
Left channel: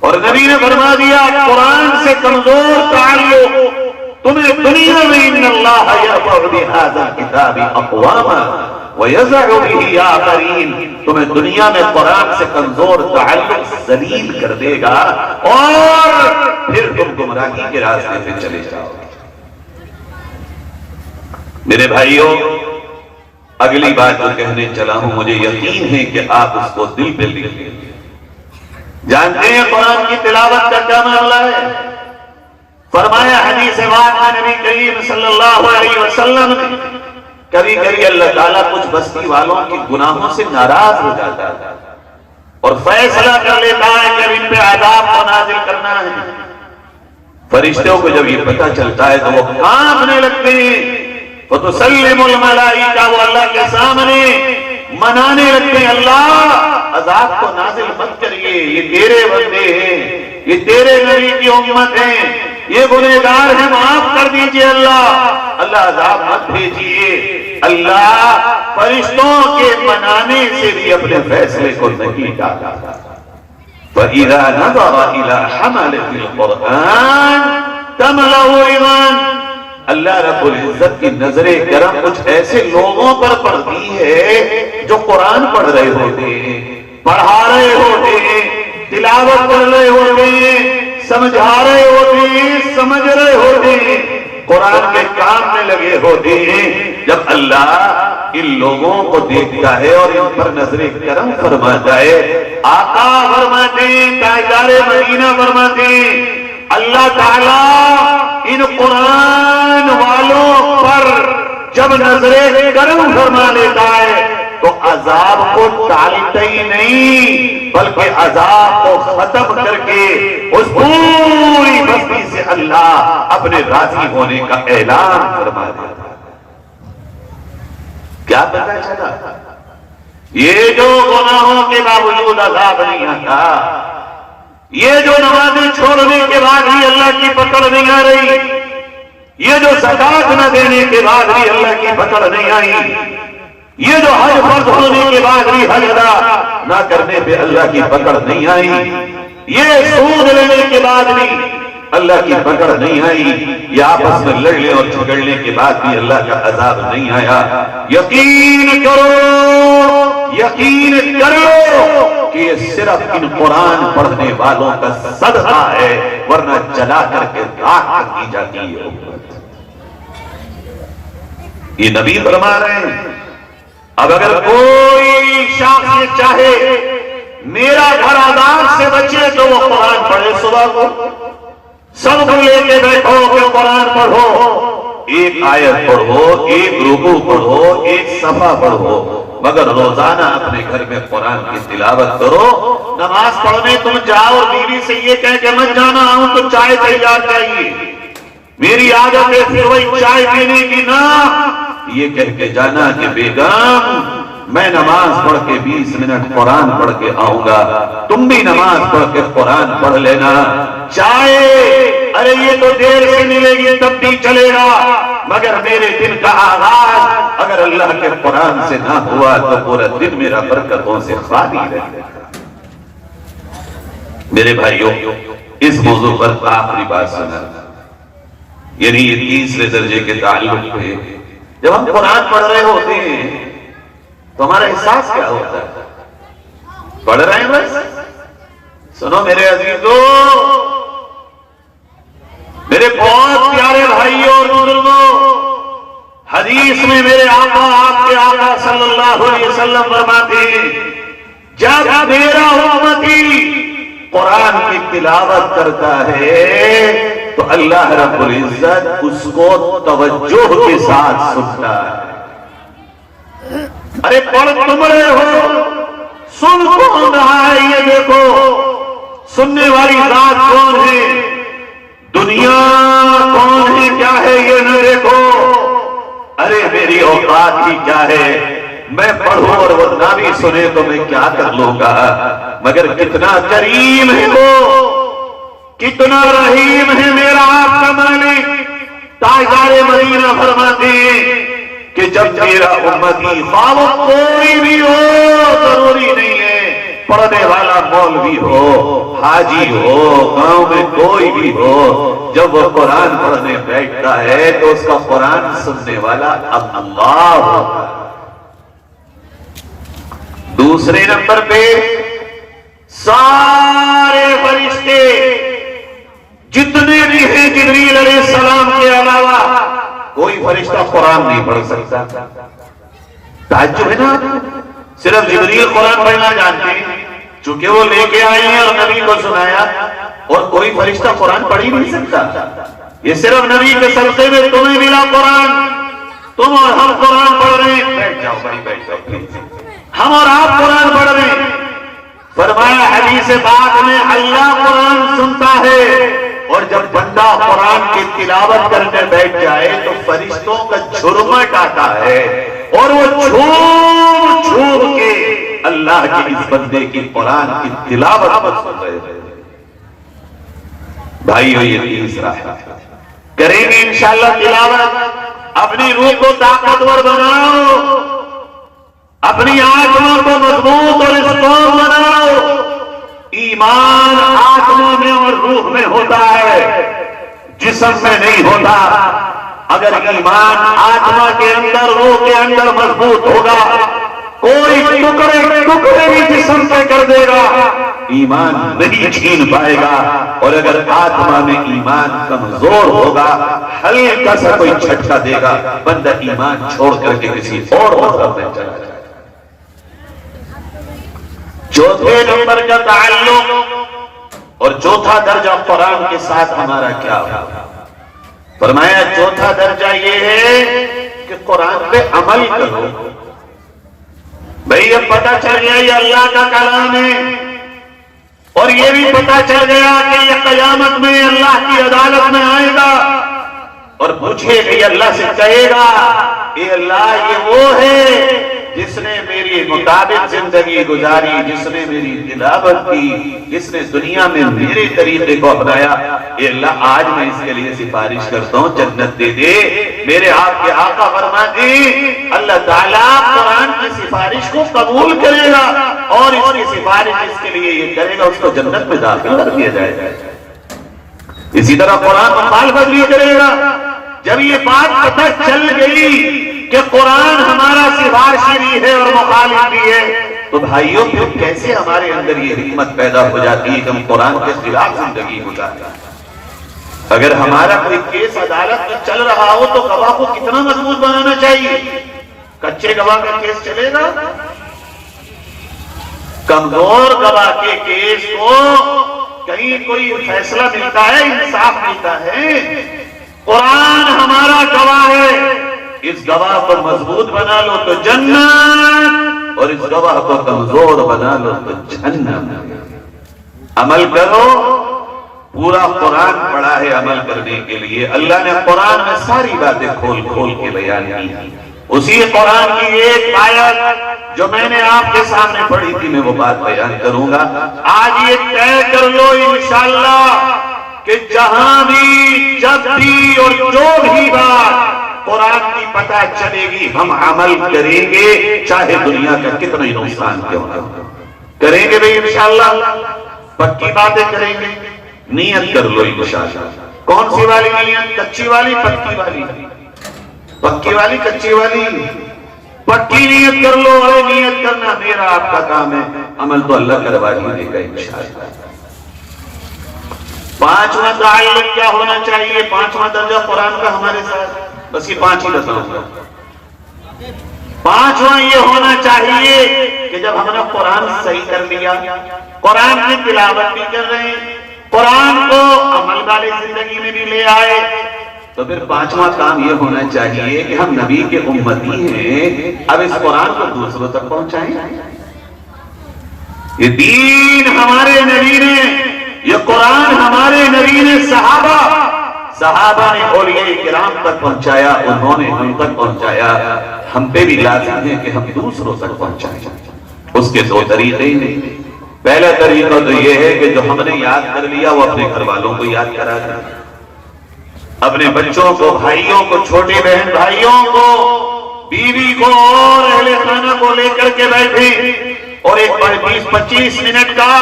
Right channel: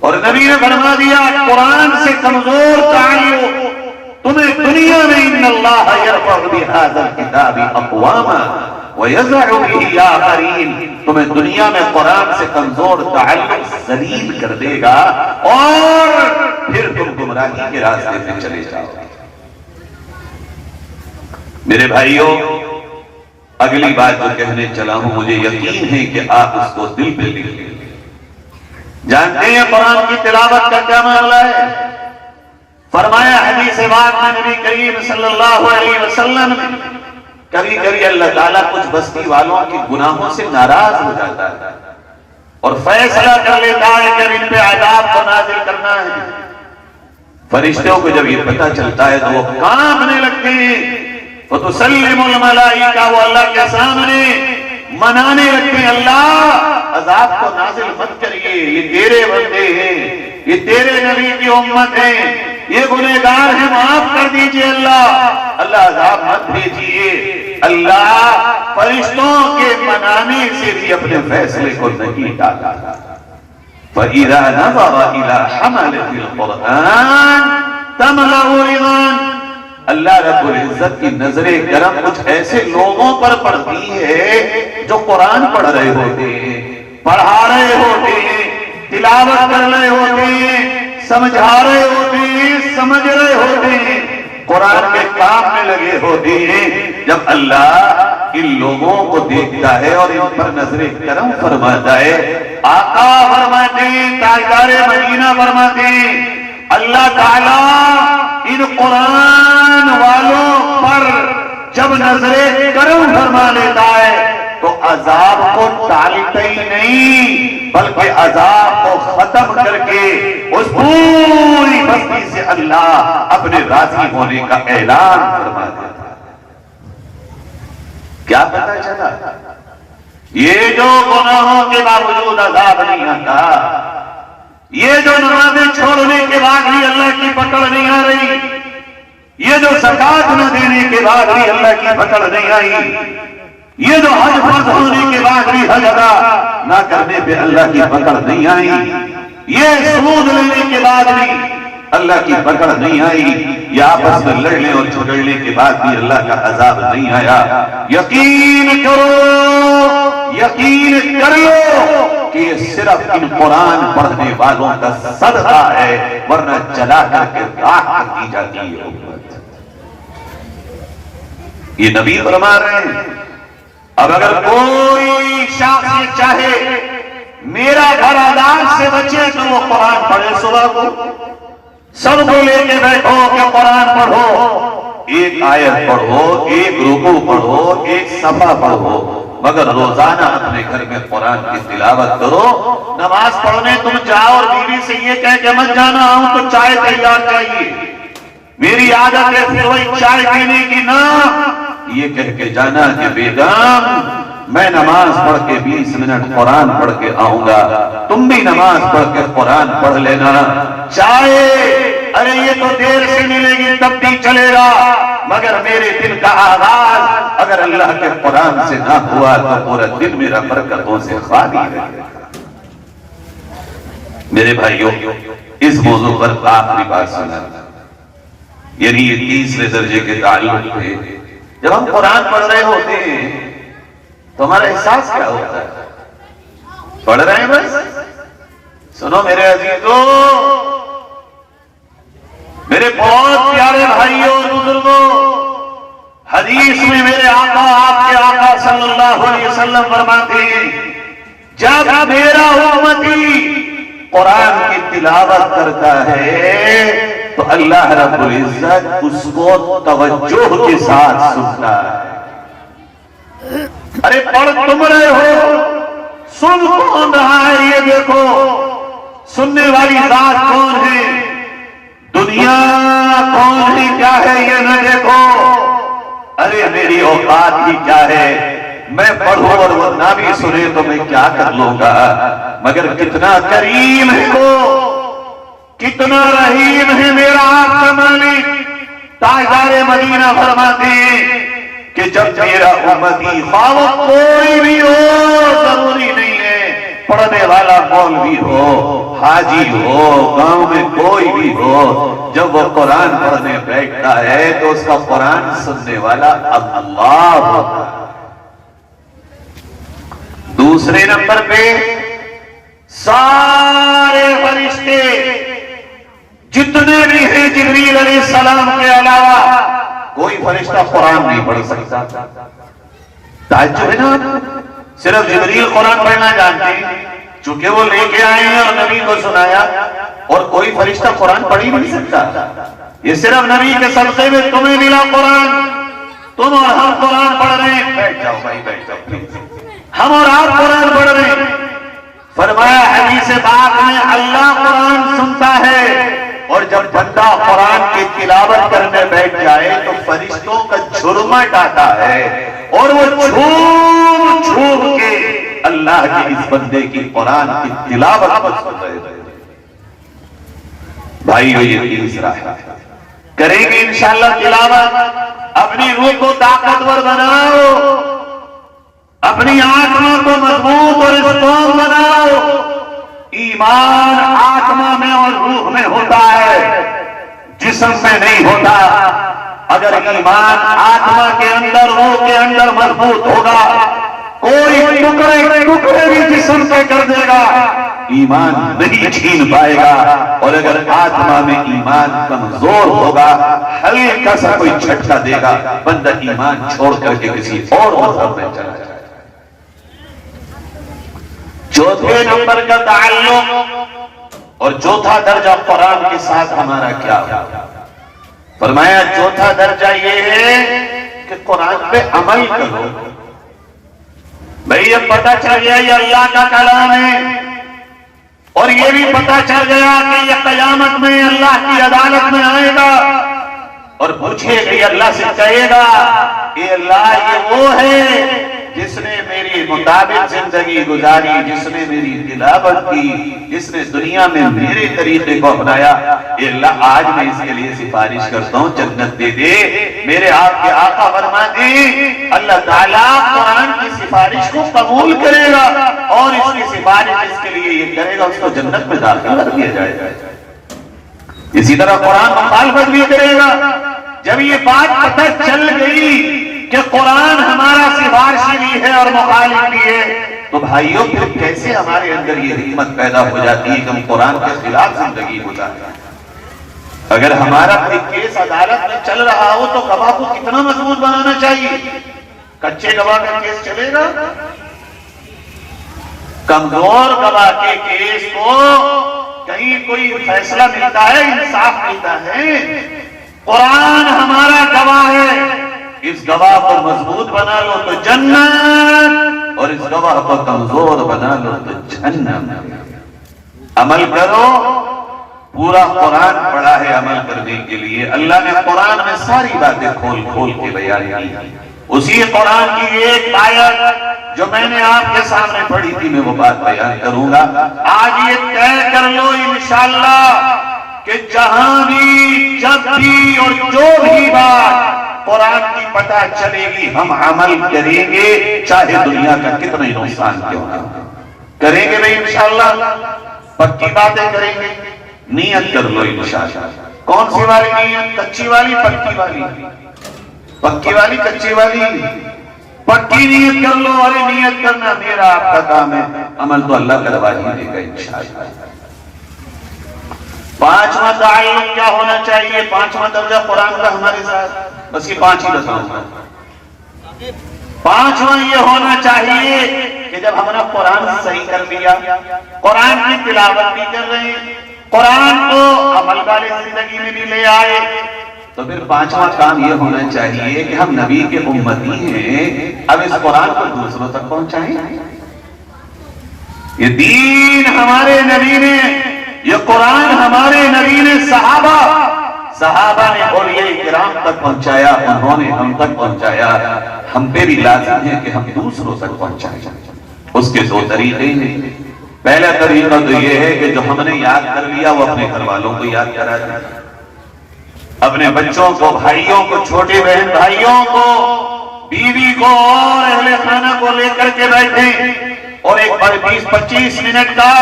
اور نبی نے فرما دیا قرآن سے کمزور تعلق تمہیں دنیا میں ان اللہ یرفع بہذا الکتاب اقواما ویضع بہ آخرین، تمہیں دنیا میں قرآن سے کمزور تعلق ذلیل کر دے گا اور پھر تم گمراہی کے راستے پہ چلے جاؤ گے. میرے بھائیوں، اگلی بات جو کہنے چلا ہوں مجھے یقین ہے کہ آپ اس کو دل پہ لکھ لیں. جانتے ہیں قرآن کی تلاوت کا کیا معاملہ ہے؟ فرمایا حدیث پاک میں نبی کریم صلی اللہ علیہ وسلم نے کبھی کبھی اللہ تعالیٰ کچھ بستی والوں کے گناہوں سے ناراض ہو جاتا ہے اور فیصلہ کر لیتا ہے کہ اب ان پہ عذاب کو نازل کرنا ہے. فرشتوں کو جب یہ پتہ چلتا ہے تو وہ کانپنے لگتے ہیں. وَتُسَلِّمُ الْمَلَائِكَةُ وہ اللہ کے سامنے منانے لگتے ہیں اللہ عذاب کو نازل مت کریے، یہ تیرے بندے ہیں، یہ تیرے نبی کی امت ہیں، یہ گنہگار ہیں، معاف کر دیجئے اللہ عذاب مت بھیجیے. اللہ فرشتوں کے منانے سے بھی اپنے فیصلے کو نہیں ٹالا. فَإِذَا نَظَرَ إِلَىٰ حَمَلَةِ الْقُرْآنِ تَمْلَأُ رِضًا، اللہ رب العزت کی نظر کرم کچھ ایسے لوگوں پر پڑتی ہے جو قرآن پڑھ رہے ہوتے ہیں، پڑھا رہے ہوتے ہیں، تلاوت کر رہے ہوتے ہیں، سمجھا رہے ہوتے ہیں، سمجھ رہے ہوتے ہیں، قرآن کے کام میں لگے ہوتے ہیں. جب اللہ ان لوگوں کو دیکھتا ہے اور ان پر نظر کرم فرماتا ہے، آقا فرماتے ہیں، تاجدار مدینہ فرماتے ہیں، اللہ تعالیٰ ان قرآن والوں پر جب نظر کرم فرما لیتا ہے تو عذاب کو ٹالتا ہی نہیں بلکہ عذاب کو ختم کر کے اس پوری بستی سے اللہ اپنے راضی ہونے کا اعلان فرما دیتا ہے. کیا پتہ چلا؟ یہ جو گناہوں کے باوجود عذاب نہیں آتا، یہ جو نمازیں چھوڑنے کے بعد بھی اللہ کی پکڑ نہیں آ رہی، یہ جو زکات نہ دینے کے بعد بھی اللہ کی پکڑ نہیں آئی، یہ جو حج فرض ہونے کے بعد بھی حج ادا نہ کرنے پہ اللہ کی پکڑ نہیں آئی، یہ سود لینے کے بعد بھی اللہ کی پکڑ نہیں آئی، یہ آپس میں لڑنے اور جھگڑنے کے بعد بھی اللہ کا عذاب نہیں آیا. یقین کرو، یقین کر لو کہ یہ صرف ان قرآن پڑھنے والوں کا صدقہ ہے، ورنہ جلا کر کے راکھ کر دی جاتی ہے امت. یہ نبی فرما رہے ہیں. اب اگر کوئی شخص چاہے میرا گھر عذاب سے بچے تو وہ قرآن پڑھے. صبح کو سب کو لے کے بیٹھو کہ قرآن پڑھو، ایک آیت پڑھو، ایک رکوع پڑھو، ایک صفحہ پڑھو، مگر روزانہ اپنے گھر میں قرآن کی تلاوت کرو. نماز پڑھنے تم جاؤ اور بیوی سے یہ کہہ کہ مت جانا ہوں تو چائے تیار چاہیے، میری عادت ہے پھر وہی چائے پینے کی، نہ یہ کہہ کے جانا کہ بیگم میں نماز پڑھ کے 20 منٹ قرآن پڑھ کے آؤں گا، تم بھی نماز پڑھ کے قرآن پڑھ لینا. چائے ارے یہ تو دیر سے ملے گی تب بھی چلے گا، مگر میرے دن کا آغاز اگر اللہ کے قرآن سے نہ ہوا تو پورا دن میرا برکتوں سے خالی رہ گیا. میرے بھائیوں، اس موضوع پر آخری بات سنا، یعنی یہ تیسرے درجے کے تعلق پہ جب ہم قرآن پڑھ رہے ہوتے ہیں تو ہمارا احساس کیا ہوتا ہے؟ پڑھ رہے ہیں بس. سنو میرے عزیزوں، میرے بہت پیارے بھائیوں اور بزرگوں، حدیث میں میرے آقا، آپ کے آقا صلی اللہ علیہ وسلم فرماتے ہیں جب میرا امتی قرآن کی تلاوت کرتا ہے تو اللہ رب العزت اس کو توجہ کے ساتھ سنتا ہے. ارے پڑھ تم رہے ہو، سن کون رہا ہے یہ دیکھو، سننے والی ذات کون ہے، دنیا کون ہے کیا ہے یہ نہ دیکھو. ارے میری اوقات ہی کیا ہے، میں پڑھوں اور وہ نہ بھی سنے تو میں کیا کر لوں گا. مگر کتنا کریم ہے وہ، کتنا رحیم ہے میرا آپ کا مالک۔ تاجدار مدینہ فرماتے ہیں کہ جب میرا امتی خواہ کوئی بھی ہو، ضروری نہیں ہے پڑھنے والا مولوی ہو، حاجی ہو، گاؤں میں کوئی بھی ہو، جب وہ قرآن پڑھنے بیٹھتا ہے تو اس کا قرآن سننے والا اللہ ہوتا ہے۔ دوسرے نمبر پہ سارے فرشتے جتنے بھی ہیں جبریل علیہ السلام کے علاوہ کوئی فرشتہ قرآن نہیں پڑھ سکتا۔ تعجب ہے نا، صرف جبریل قرآن پڑھنا جانتے ہیں چونکہ وہ لے کے آئے ہیں اور نبی کو سنایا، اور کوئی فرشتہ قرآن پڑھ ہی نہیں سکتا۔ یہ صرف نبی کے سلسلے میں تمہیں ملا قرآن، تم اور ہم قرآن پڑھ رہے ہیں۔ بیٹھ جاؤ بھائی، بیٹھ جاؤ، ہم اور آپ قرآن پڑھ رہے ہیں۔ فرمایا حدیث پاک میں اللہ قرآن سنتا ہے، اور جب بندہ قرآن کی تلاوت کرنے بیٹھ جائے تو فرشتوں کا جھرمٹ آتا ہے، اور وہ جھوم جھوم کے اللہ کے اس بندے کی قرآن کی تلاوت پر سن رہے ہیں۔ بھائیو، یہ تیسرا ہے، کریں گے انشاءاللہ تلاوت۔ اپنی روح کو طاقتور بناؤ، اپنی آتما کو مضبوط اور اسٹرانگ بناؤ۔ ایمان آتما میں اور روح میں ہوتا ہے، جسم میں نہیں ہوتا۔ اگر ایمان آتما کے اندر، روح کے اندر مضبوط ہوگا، کوئی ٹکڑے بھی جسم کے کر دے گا، ایمان نہیں چھین پائے گا۔ اور اگر آتما میں ایمان کمزور ہوگا، ہلکا سا کوئی جھٹکا دے گا، بندہ ایمان چھوڑ کر کے کسی اور مذہب میں چلا جائے۔ چوتھے نمبر کا تعلق اور چوتھا درجہ قرآن کے ساتھ ہمارا کیا ہوگا؟ فرمایا چوتھا درجہ یہ ہے کہ قرآن پہ عمل کرو۔ بھئی یہ پتہ چل گیا یہ اللہ کا کلام ہے، اور یہ بھی پتہ چل گیا کہ یہ قیامت میں اللہ کی عدالت میں آئے گا اور پوچھے کہ اللہ سے کہے گا کہ اللہ یہ وہ ہے جس نے میری مطابق زندگی گزاری، جس نے میری تلاوت کی، جس نے دنیا میں میرے طریقے کو اپنایا، اے اللہ آج میں اس کے لیے سفارش کرتا ہوں جنت دے دے۔ میرے آپ کے آقا فرماتے ہیں اللہ تعالیٰ قرآن کی سفارش کو قبول کرے گا، اور اس کی سفارش اس کے لیے یہ کرے گا اس کو جنت میں داخل کر دیا جائے گا۔ اسی طرح قرآن مخالفت بھی کرے گا۔ جب یہ بات پتہ چل گئی کہ قرآن ہمارا سفارشی بھی ہے اور مخالف بھی ہے، تو بھائیوں پھر کیسے ہمارے اندر یہ حکمت پیدا ہو جاتی ہے کہ ہم قرآن کے خلاف زندگی گزاریں۔ اگر ہمارا کوئی کیس عدالت میں چل رہا ہو تو گواہ کو کتنا مضبوط بنانا چاہیے؟ کچے گواہ کا کیس چلے گا؟ کمزور گواہ کے کیس کو کہیں کوئی فیصلہ ملتا ہے، انصاف ملتا ہے؟ قرآن ہمارا گواہ ہے، اس گواہ کو مضبوط بنا لو تو جنت، اور اس گواہ کو کمزور بنا لو تو جہنم۔ عمل کرو، پورا قرآن پڑھا ہے عمل کرنے کے لیے۔ اللہ نے قرآن میں ساری باتیں کھول کھول کے بیان کی۔ اسی قرآن کی ایک آیت جو میں نے آپ کے سامنے پڑھی تھی، میں وہ بات بیان کروں گا۔ آج یہ طے کر لو انشاءاللہ کہ جہاں بھی، جب بھی اور جو بھی بات قرآن کی پتہ چلے گی ہم عمل کریں گے، چاہے دنیا کا کتنا ہی نقصان کیوں نہ ہو۔ کریں گے بھئی انشاءاللہ، پکی باتیں کریں گے۔ نیت کر لو انشاءاللہ۔ کون سی والی نیت؟ کچی والی، پکی والی؟ پکی والی، کچی والی؟ پکی نیت کر لو۔ اے نیت کرنا میرا آپ کا کام ہے، عمل تو اللہ کروا دیجیے گا انشاءاللہ۔ پانچواں تعلق کیا ہونا چاہیے؟ پانچواں درجہ قرآن کا ہمارے ساتھ، بس یہ پانچ ہی بتاؤں گا۔ پانچواں یہ ہونا چاہیے کہ جب ہم نے قرآن صحیح کر لیا، قرآن کی تلاوت بھی کر رہے ہیں، قرآن کو عمل والے زندگی میں بھی لے آئے، تو پھر پانچواں کام یہ ہونا چاہیے کہ ہم نبی کے امتی ہیں، اب اس قرآن کو دوسروں تک پہنچائیں۔ یہ دین ہمارے نبی نے، یہ قرآن ہمارے نبی نے صحابہ نے اولیاء کرام تک پہنچایا، انہوں نے ہم تک پہنچایا، ہم پہ بھی لازم ہے کہ ہم دوسروں تک پہنچائیں۔ اس کے دو طریقے ہیں، پہلا طریقہ تو یہ ہے کہ جو ہم نے یاد کر لیا وہ اپنے گھر والوں کو یاد کرا دیں، اپنے بچوں کو، بھائیوں کو، چھوٹے بہن بھائیوں کو، بیوی کو اور اہل خانہ کو لے کر کے بیٹھیں اور ایک 20-25 منٹ کا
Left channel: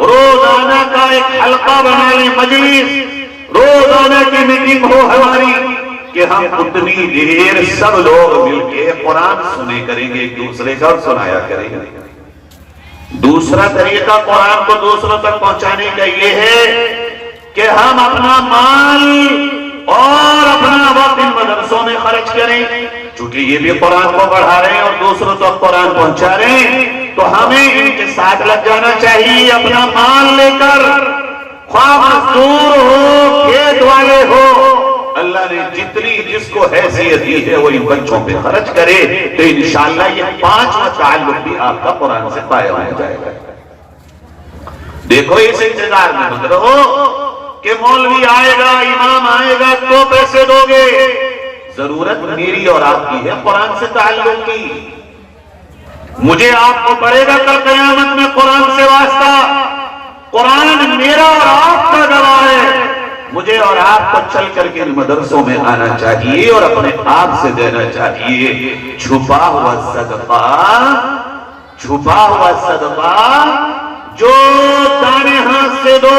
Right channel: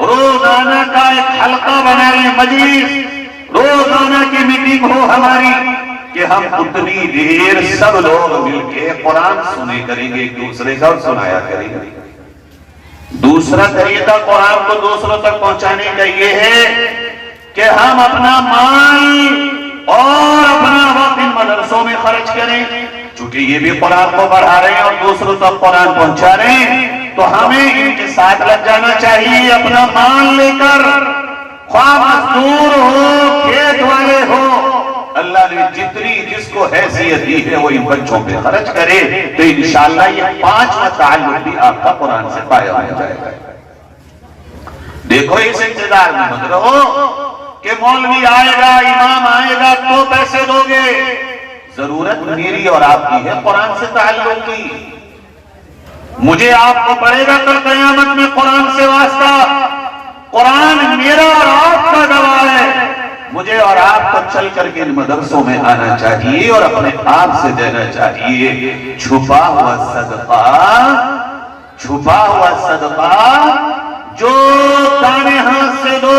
روزانہ کا ایک حلقہ بنا لیں، مجلس روزانہ کی میٹنگ ہو ہماری کہ ہم اتنی دیر سب لوگ مل کے قرآن سنے کریں گے، ایک دوسرے کا اور سنایا کریں گے۔ دوسرا طریقہ قرآن کو دوسروں تک پہنچانے کا یہ ہے کہ ہم اپنا مال اور اپنا وقت ان مدرسوں میں خرچ کریں، چونکہ یہ بھی قرآن کو پڑھا رہے ہیں اور دوسروں تک قرآن پہنچا رہے ہیں، تو ہمیں ان کے ساتھ لگ جانا چاہیے، اپنا مال لے کر، خواہ مزدور ہو، کھیت والے ہو، اللہ نے جتنی جس کو حیثیت دی ہے وہ ان بچوں پہ خرچ کرے، تو انشاءاللہ یہ 5واں تعلق بھی آپ کا قرآن سے قائم ہو جائے گا۔ دیکھو اس انتظار میں مت رہو کہ مولوی آئے گا، امام آئے گا تو پیسے دو گے، ضرورت میری اور آپ کی ہے قرآن سے تعلق کی۔ مجھے آپ کو پڑے گا کل قیامت میں قرآن سے واسطہ، قرآن میرا اور آپ کا گواہ ہے، مجھے اور آپ کو چل کر کے ان مدرسوں میں آنا چاہیے اور اپنے آپ سے دینا چاہیے۔ چھپا ہوا صدقہ، چھپا ہوا صدقہ جو دانے ہاتھ سے دو،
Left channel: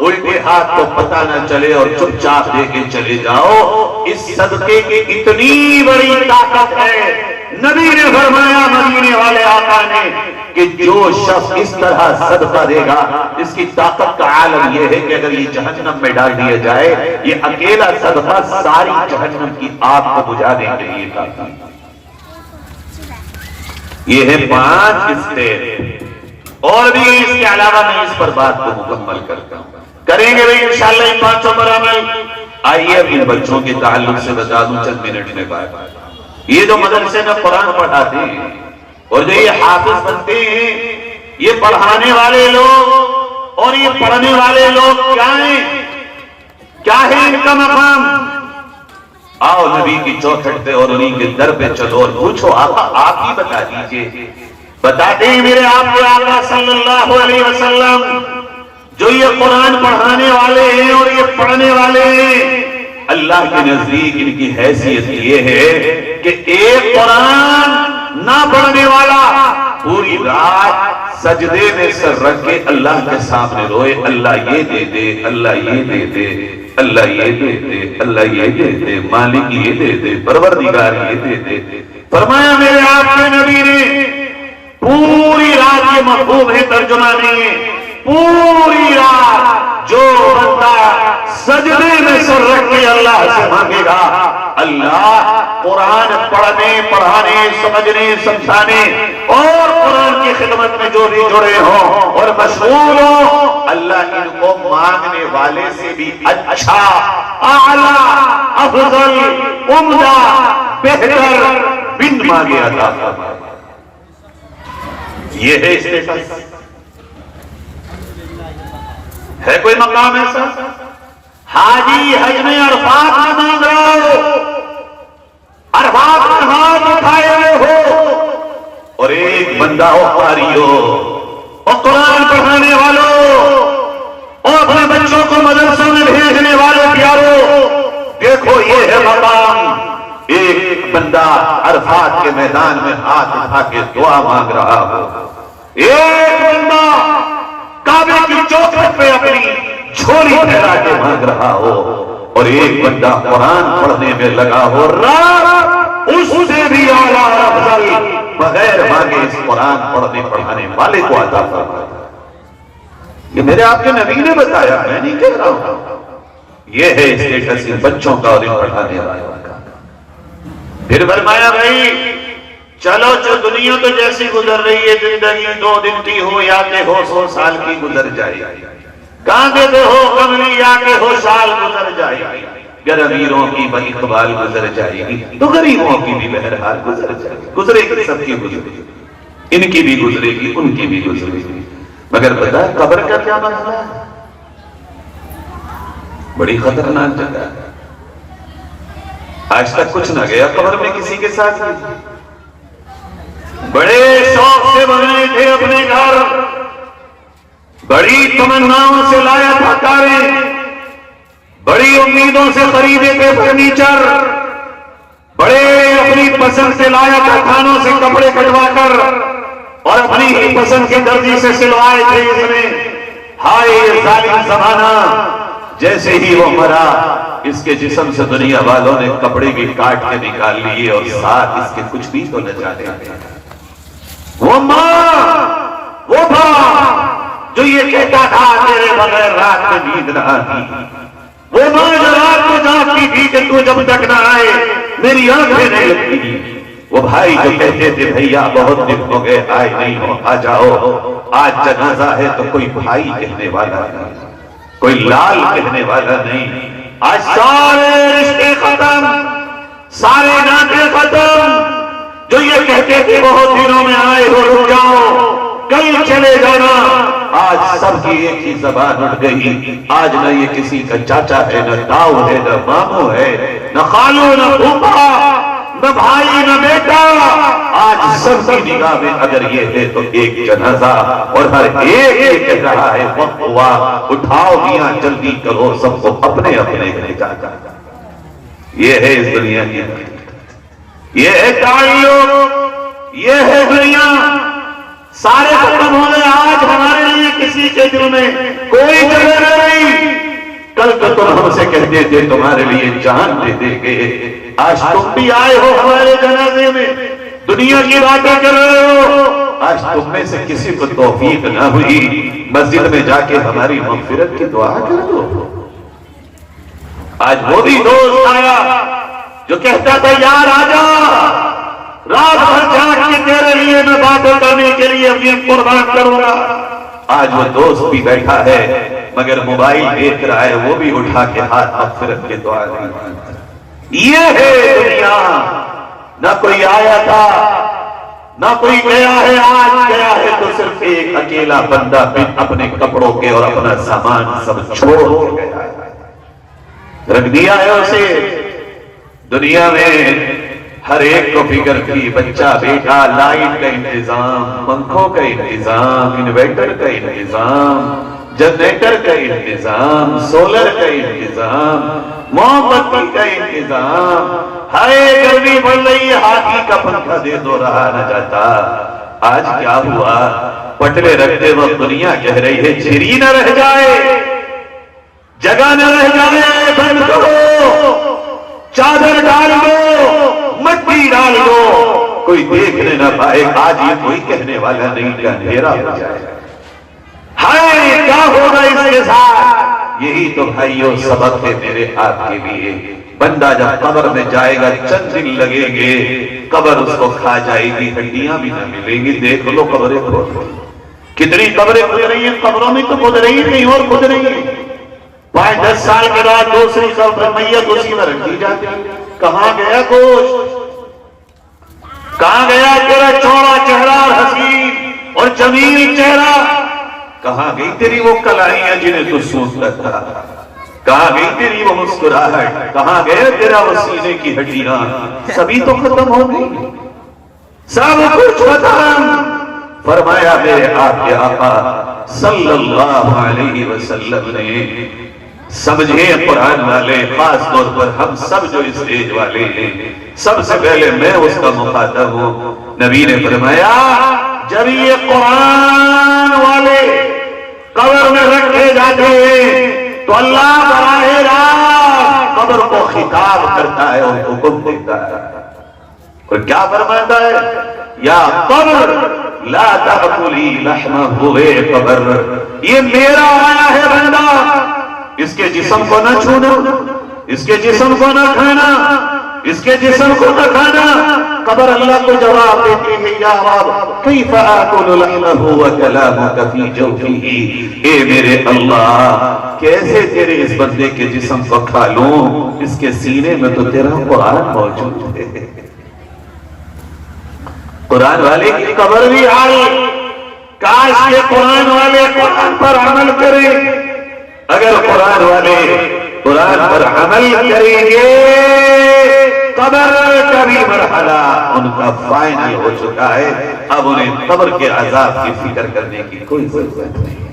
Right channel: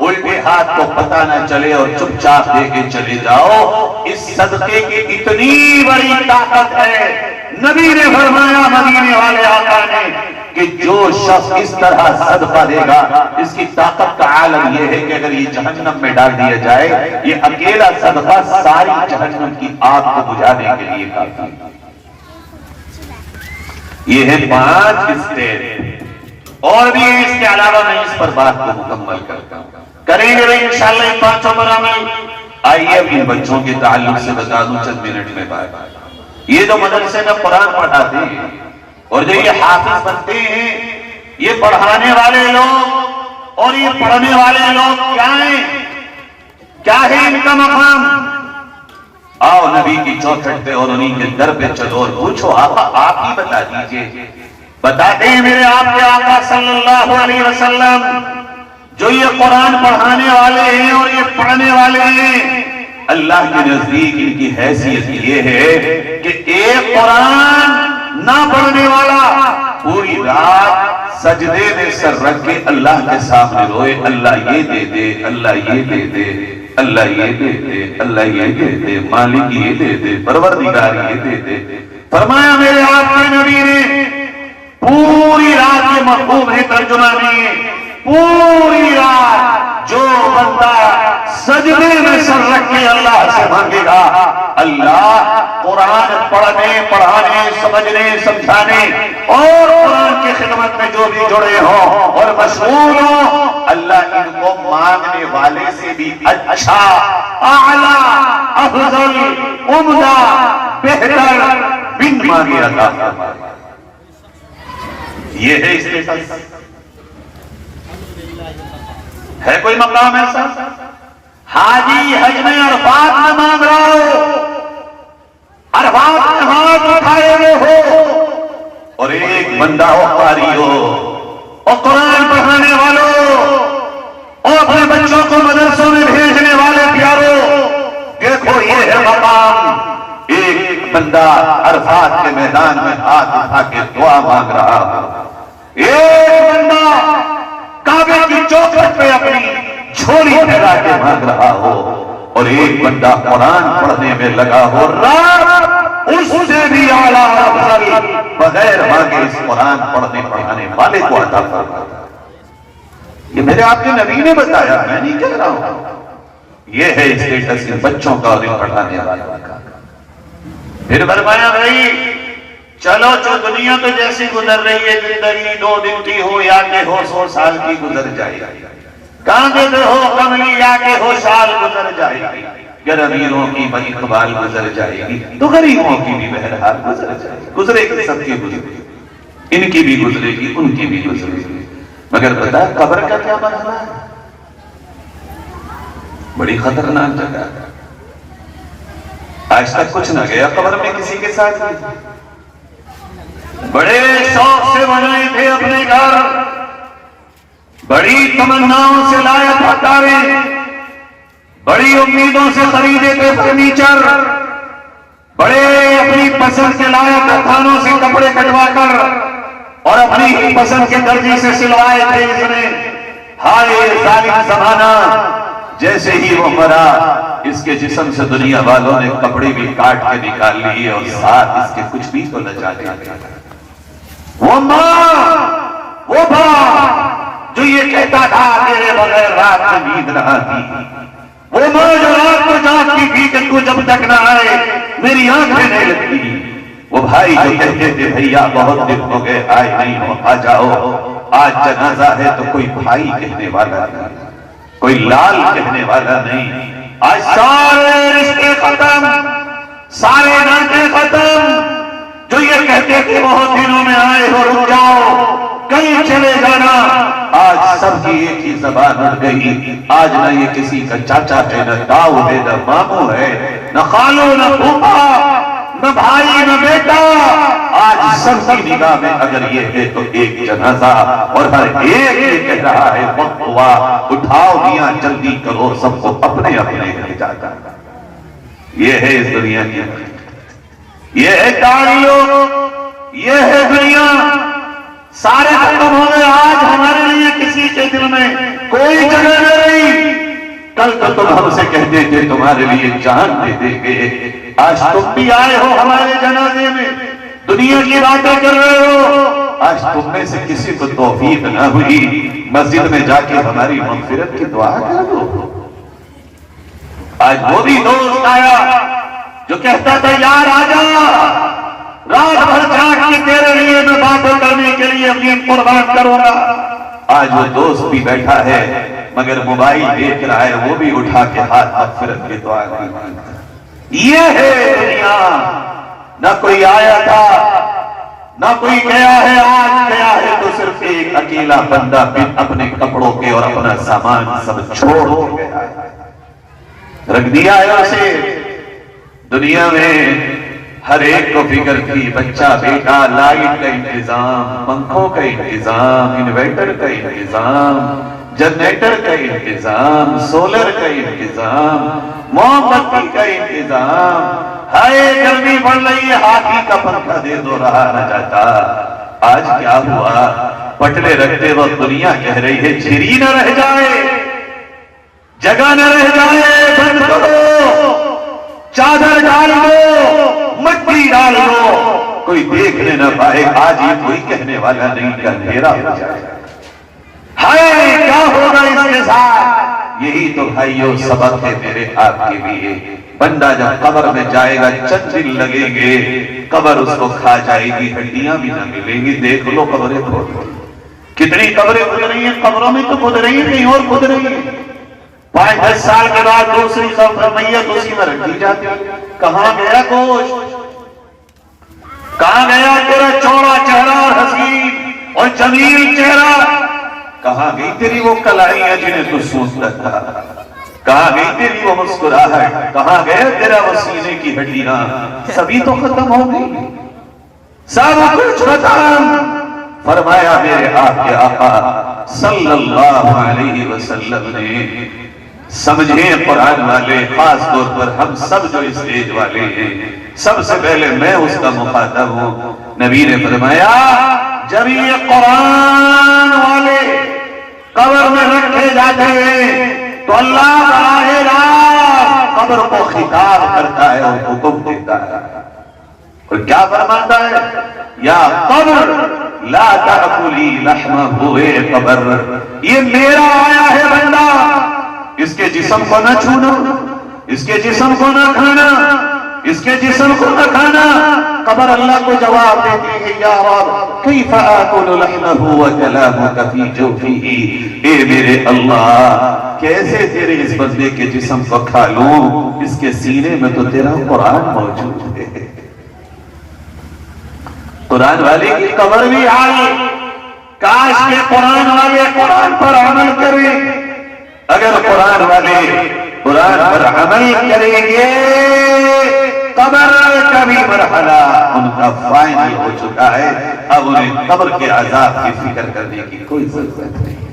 الٹے ہاتھ کو پتہ نہ چلے اور چپ چاپ دے کے چلے جاؤ، اس صدقے کی اتنی بڑی طاقت ہے۔ نبی نے فرمایا، مدینے والے آقا نے، کہ جو شخص اس طرح صدقہ دے گا، اس کی طاقت کا عالم یہ ہے کہ اگر یہ جہنم میں ڈال دیا جائے، یہ اکیلا صدقہ ساری جہنم کی آگ کو بجھانے کے لیے کافی۔ یہ ہے 5 اسٹیپ، اور بھی اس کے علاوہ میں اس پر بات کو مکمل کرتا ہوں، کریں گے انشاءاللہ ان 5 پر عمل۔ آئیے اب ان بچوں کے تعلق سے بتا دوں چند منٹ میں بات۔ یہ جو مدرسے میں قرآن پڑھاتے ہیں اور جو یہ حافظ بنتے ہیں، یہ پڑھانے والے لوگ اور یہ پڑھنے والے لوگ کیا ہیں؟ کیا ہے ان کا مقام؟ آؤ نبی کی چوکھٹ پہ اور انہیں کے در پہ چلو اور پوچھو، آقا آپ ہی بتا دیجئے، بتاتے ہیں میرے آپ کے آقا صلی اللہ علیہ وسلم، جو یہ قرآن پڑھانے والے ہیں اور یہ پڑھنے والے ہیں، اللہ کے نزدیک ان کی حیثیت یہ ہے کہ ایک قرآن نہ پڑھنے والا پوری رات سجدے میں سر رکھ کے اللہ کے سامنے روئے، اللہ یہ دے دے، اللہ یہ دے دے، اللہ یہ دے دے، اللہ یہ دے دے، مالک یہ دے دے، پروردگار یہ دے دے۔ فرمایا میرے آپ کے نبی نے پوری رات، یہ مفہوم ہے ترجمہ میں، پوری رات جو بندہ سجدے میں سر رکھ کے اللہ سے مانگے گا، اللہ قرآن پڑھنے، پڑھانے، سمجھنے، سمجھانے اور قرآن کی خدمت میں جو بھی جڑے ہوں اور مشغول ہوں، اللہ ان کو مانگنے والے سے بھی اچھا، اعلیٰ، افضل، عمدہ، بہتر بن مانگے عطا فرمائے۔ یہ ہے اسٹیٹس، ہے کوئی مقام ایسا؟ حاجی حج میں عرفات میں مانگ رہا ہو، عرفات میں ہاتھ اٹھائے ہوئے ہو، اور ایک بندہ ہو قاری ہو اور قرآن پڑھانے والوں اور اپنے بچوں کو مدرسوں میں بھیجنے والے پیاروں، دیکھو یہ ہے مقام۔ ایک بندہ عرفات کے میدان میں ہاتھ اٹھا کے دعا مانگ رہا ہو، ایک بندہ کعبے کی چوکھٹ پہ اپنی جھولی پھیلا کے مانگ رہا ہو، اور ایک بندہ قرآن پڑھنے میں لگا ہو، رات اس سے بھی اعلیٰ اور افضل بغیر مانگے اس قرآن پڑھنے پڑھانے والے کو عطا فرماتا۔ یہ میرے آپ کے نبی نے بتایا، میں نہیں کہہ رہا ہوں۔ یہ ہے اسٹیٹس ان بچوں کا اور ان پڑھانے والوں کا۔ پھر فرمایا بھائی چلو، جو دنیا تو جیسی گزر رہی ہے، زندگی 2 دن کی ہو یا کہ ہو 100 سال کی گزر جائے، کاندے پہ ہو کملی یا کہ ہو سال گزر جائے گی، اگر امیروں کی بڑی قبال گزر جائے گی تو غریبوں کی بھی بہرحال گزر جائے گی، گزرے گی، سب کی گزرے گی، ان کی بھی گزرے گی، ان کی بھی گزرے گی۔ مگر پتہ قبر کا کیا مسئلہ ہے؟ بڑی خطرناک جگہ ہے، آج تک کچھ نہ گیا قبر میں کسی کے ساتھ، بڑے شوق سے بنائے تھے اپنے گھر، بڑی تمناؤں سے لایا تھا کاریں، بڑی امیدوں سے خریدے تھے فرنیچر، بڑے اپنی پسند سے لایا تھا کھانوں سے کپڑے کٹوا کر، اور اپنی ہی پسند کے درزی سے سلوائے تھے اس نے۔ ہائے ظالم زمانہ، جیسے ہی وہ مرا اس کے جسم سے دنیا والوں نے کپڑے بھی کاٹ کے نکال لیے اور ساتھ اس کے کچھ بھی تو نہ جانے۔ وہ ماں، وہ باپ جو یہ کہتا تھا تیرے بغیر رات میں نیند نہ آتی، وہ ماں جو رات کو جاگتی تھی کہ تو جب تک نہ آئے میری آنکھیں نہیں لگتی، وہ بھائی جو کہتے تھے بھیا بہت دن ہو گئے آئے نہیں ہو، آ جاؤ، آج جنازہ ہے تو کوئی بھائی کہنے والا نہیں، کوئی لال کہنے والا نہیں۔ آج سارے رشتے ختم، سارے ناطے ختم، جو یہ کہتے تھے بہت دنوں میں آئے ہو رک جاؤ کہیں چلے جانا، آج سب کی ایک ہی زبان اٹھ گئی۔ آج نہ یہ کسی کا چاچا ہے، نہ تاؤ ہے، نہ ماموں ہے، نہ خالو، نہ پھوپھا، نہ بھائی، نہ بیٹا، آج سب کی نگاہ میں اگر یہ ہے تو ایک جنازہ، اور ہر ایک یہ کہہ رہا ہے وقت ہوا، اٹھاؤ میاں جلدی کرو، سب کو اپنے اپنے گھر جاتا۔ یہ ہے اس دنیا کی، یہ ہے تعلق، یہ ہے دنیا۔ سارے ختم ہو گئے، آج ہمارے لیے کسی کے دل میں کوئی جگہ نہ رہی۔ کل تو تم ہم سے کہتے تھے تمہارے لیے جان دے دیں گے، آج تم بھی آئے ہو ہمارے جنازے میں، دنیا کی باتیں کر رہے ہو۔ آج تم میں سے کسی کو توفیق نہ ہوئی مسجد میں جا کے ہماری مغفرت کی دعا کر دو۔ آج وہ بھی دوست آیا جو کہتا تھا یار آجا، رات بھر جاگ کے تیرے لیے میں باتیں کرنے کے لیے اپنی قربان کروں گا۔ آج وہ دوست بھی بیٹھا ہے مگر موبائل دیکھ رہا ہے، وہ بھی اٹھا کے ہاتھ مغفرت کی دعا نہیں مانگتا۔ یہ ہے دنیا، نہ کوئی آیا تھا نہ کوئی گیا ہے، آج گیا ہے تو صرف ایک اکیلا بندہ اپنے کپڑوں کے اور اپنا سامان سب چھوڑ کے گیا ہے، رکھ دیا ہے اسے۔ دنیا میں ہر ایک کو فکر تھی، بچہ بیٹا، لائٹ کا انتظام، پنکھوں کا انتظام، انویٹر کا انتظام، جنریٹر کا انتظام، سولر کا انتظام، موم بتی کا انتظام، ہائے گرمی بڑھ رہی ہے ہاتھی کا پنکھا دے دو رہا نہ جاتا۔ آج کیا ہوا؟ پٹرے رکھتے وقت دنیا کہہ رہی ہے چھری نہ رہ جائے، جگہ نہ رہ جائے، بند کرو، چادر ڈال دو، مٹی ڈال دو، کوئی دیکھنے نہ پائے۔ آج یہ کوئی کہنے والا نہیں کہ اندھیرا ہو جائے، ہائے کیا ہوگا اس کے ساتھ؟ یہی تو بھائیو سبق ہے میرے آپ کے لیے۔ بندہ جب قبر میں جائے گا چند دن لگیں گے، قبر اس کو کھا جائے گی، ہڈیاں بھی نہ ملیں گی۔ دیکھ لو قبریں کھود رہی، کتنی قبریں کھود رہی ہیں، قبروں میں تو کھود رہی نہیں اور کھود رہی ہیں۔ 5-10 سال کے بعد دوسری قبر میت اسی میں رکھی جاتی۔ کہاں گیا گوشت؟ کہاں گیا تیرا چوڑا چہرہ اور حسین اور جمیل چہرہ؟ کہاں گئی تیری وہ کلاڑیاں جنہیں تو سوچتا تھا؟ کہاں گئی تیری وہ مسکراہٹ؟ کہاں گیا تیرا وہ سینے کی ہڈیاں؟ سبھی تو ختم ہو گئی، سب کچھ ختم۔ فرمایا میرے آپ کے آقا صلی اللہ علیہ وسلم نے، سمجھے قرآن والے، خاص طور پر ہم سب جو اسٹیج والے ہیں، سب سے پہلے میں اس کا مخاطب ہوں۔ نبی نے فرمایا جب یہ قرآن والے قبر میں رکھے جاتے ہیں تو اللہ براہ راست قبر کو خطاب کرتا ہے اور حکم دیتا ہے، اور کیا فرماتا ہے؟ یا قبر لا تأکلی لحمہ، اے قبر یہ میرا آیا ہے بندہ، اس کے جسم کو نہ چھونا، اس کے جسم کو نہ کھانا، اس کے جسم کو نہ کھانا۔ قبر اللہ کو جواب دیتی ہے یا رب کیف آکل لحمہ وکلامک فی جوفہ، اے میرے اللہ کیسے تیرے اس بندے کے جسم کو کھا لوں، اس کے سینے میں تو تیرا قرآن موجود ہے۔ قرآن والے کی قبر بھی حال، کاش کے قرآن والے قرآن پر عمل کریں۔ اگر قرآن والے قرآن پر عمل کریں گے، قبر کا بھی مرحلہ ان کا فائنل ہو چکا ہے، اب انہیں قبر کے عذاب کی فکر کرنے کی کوئی ضرورت نہیں۔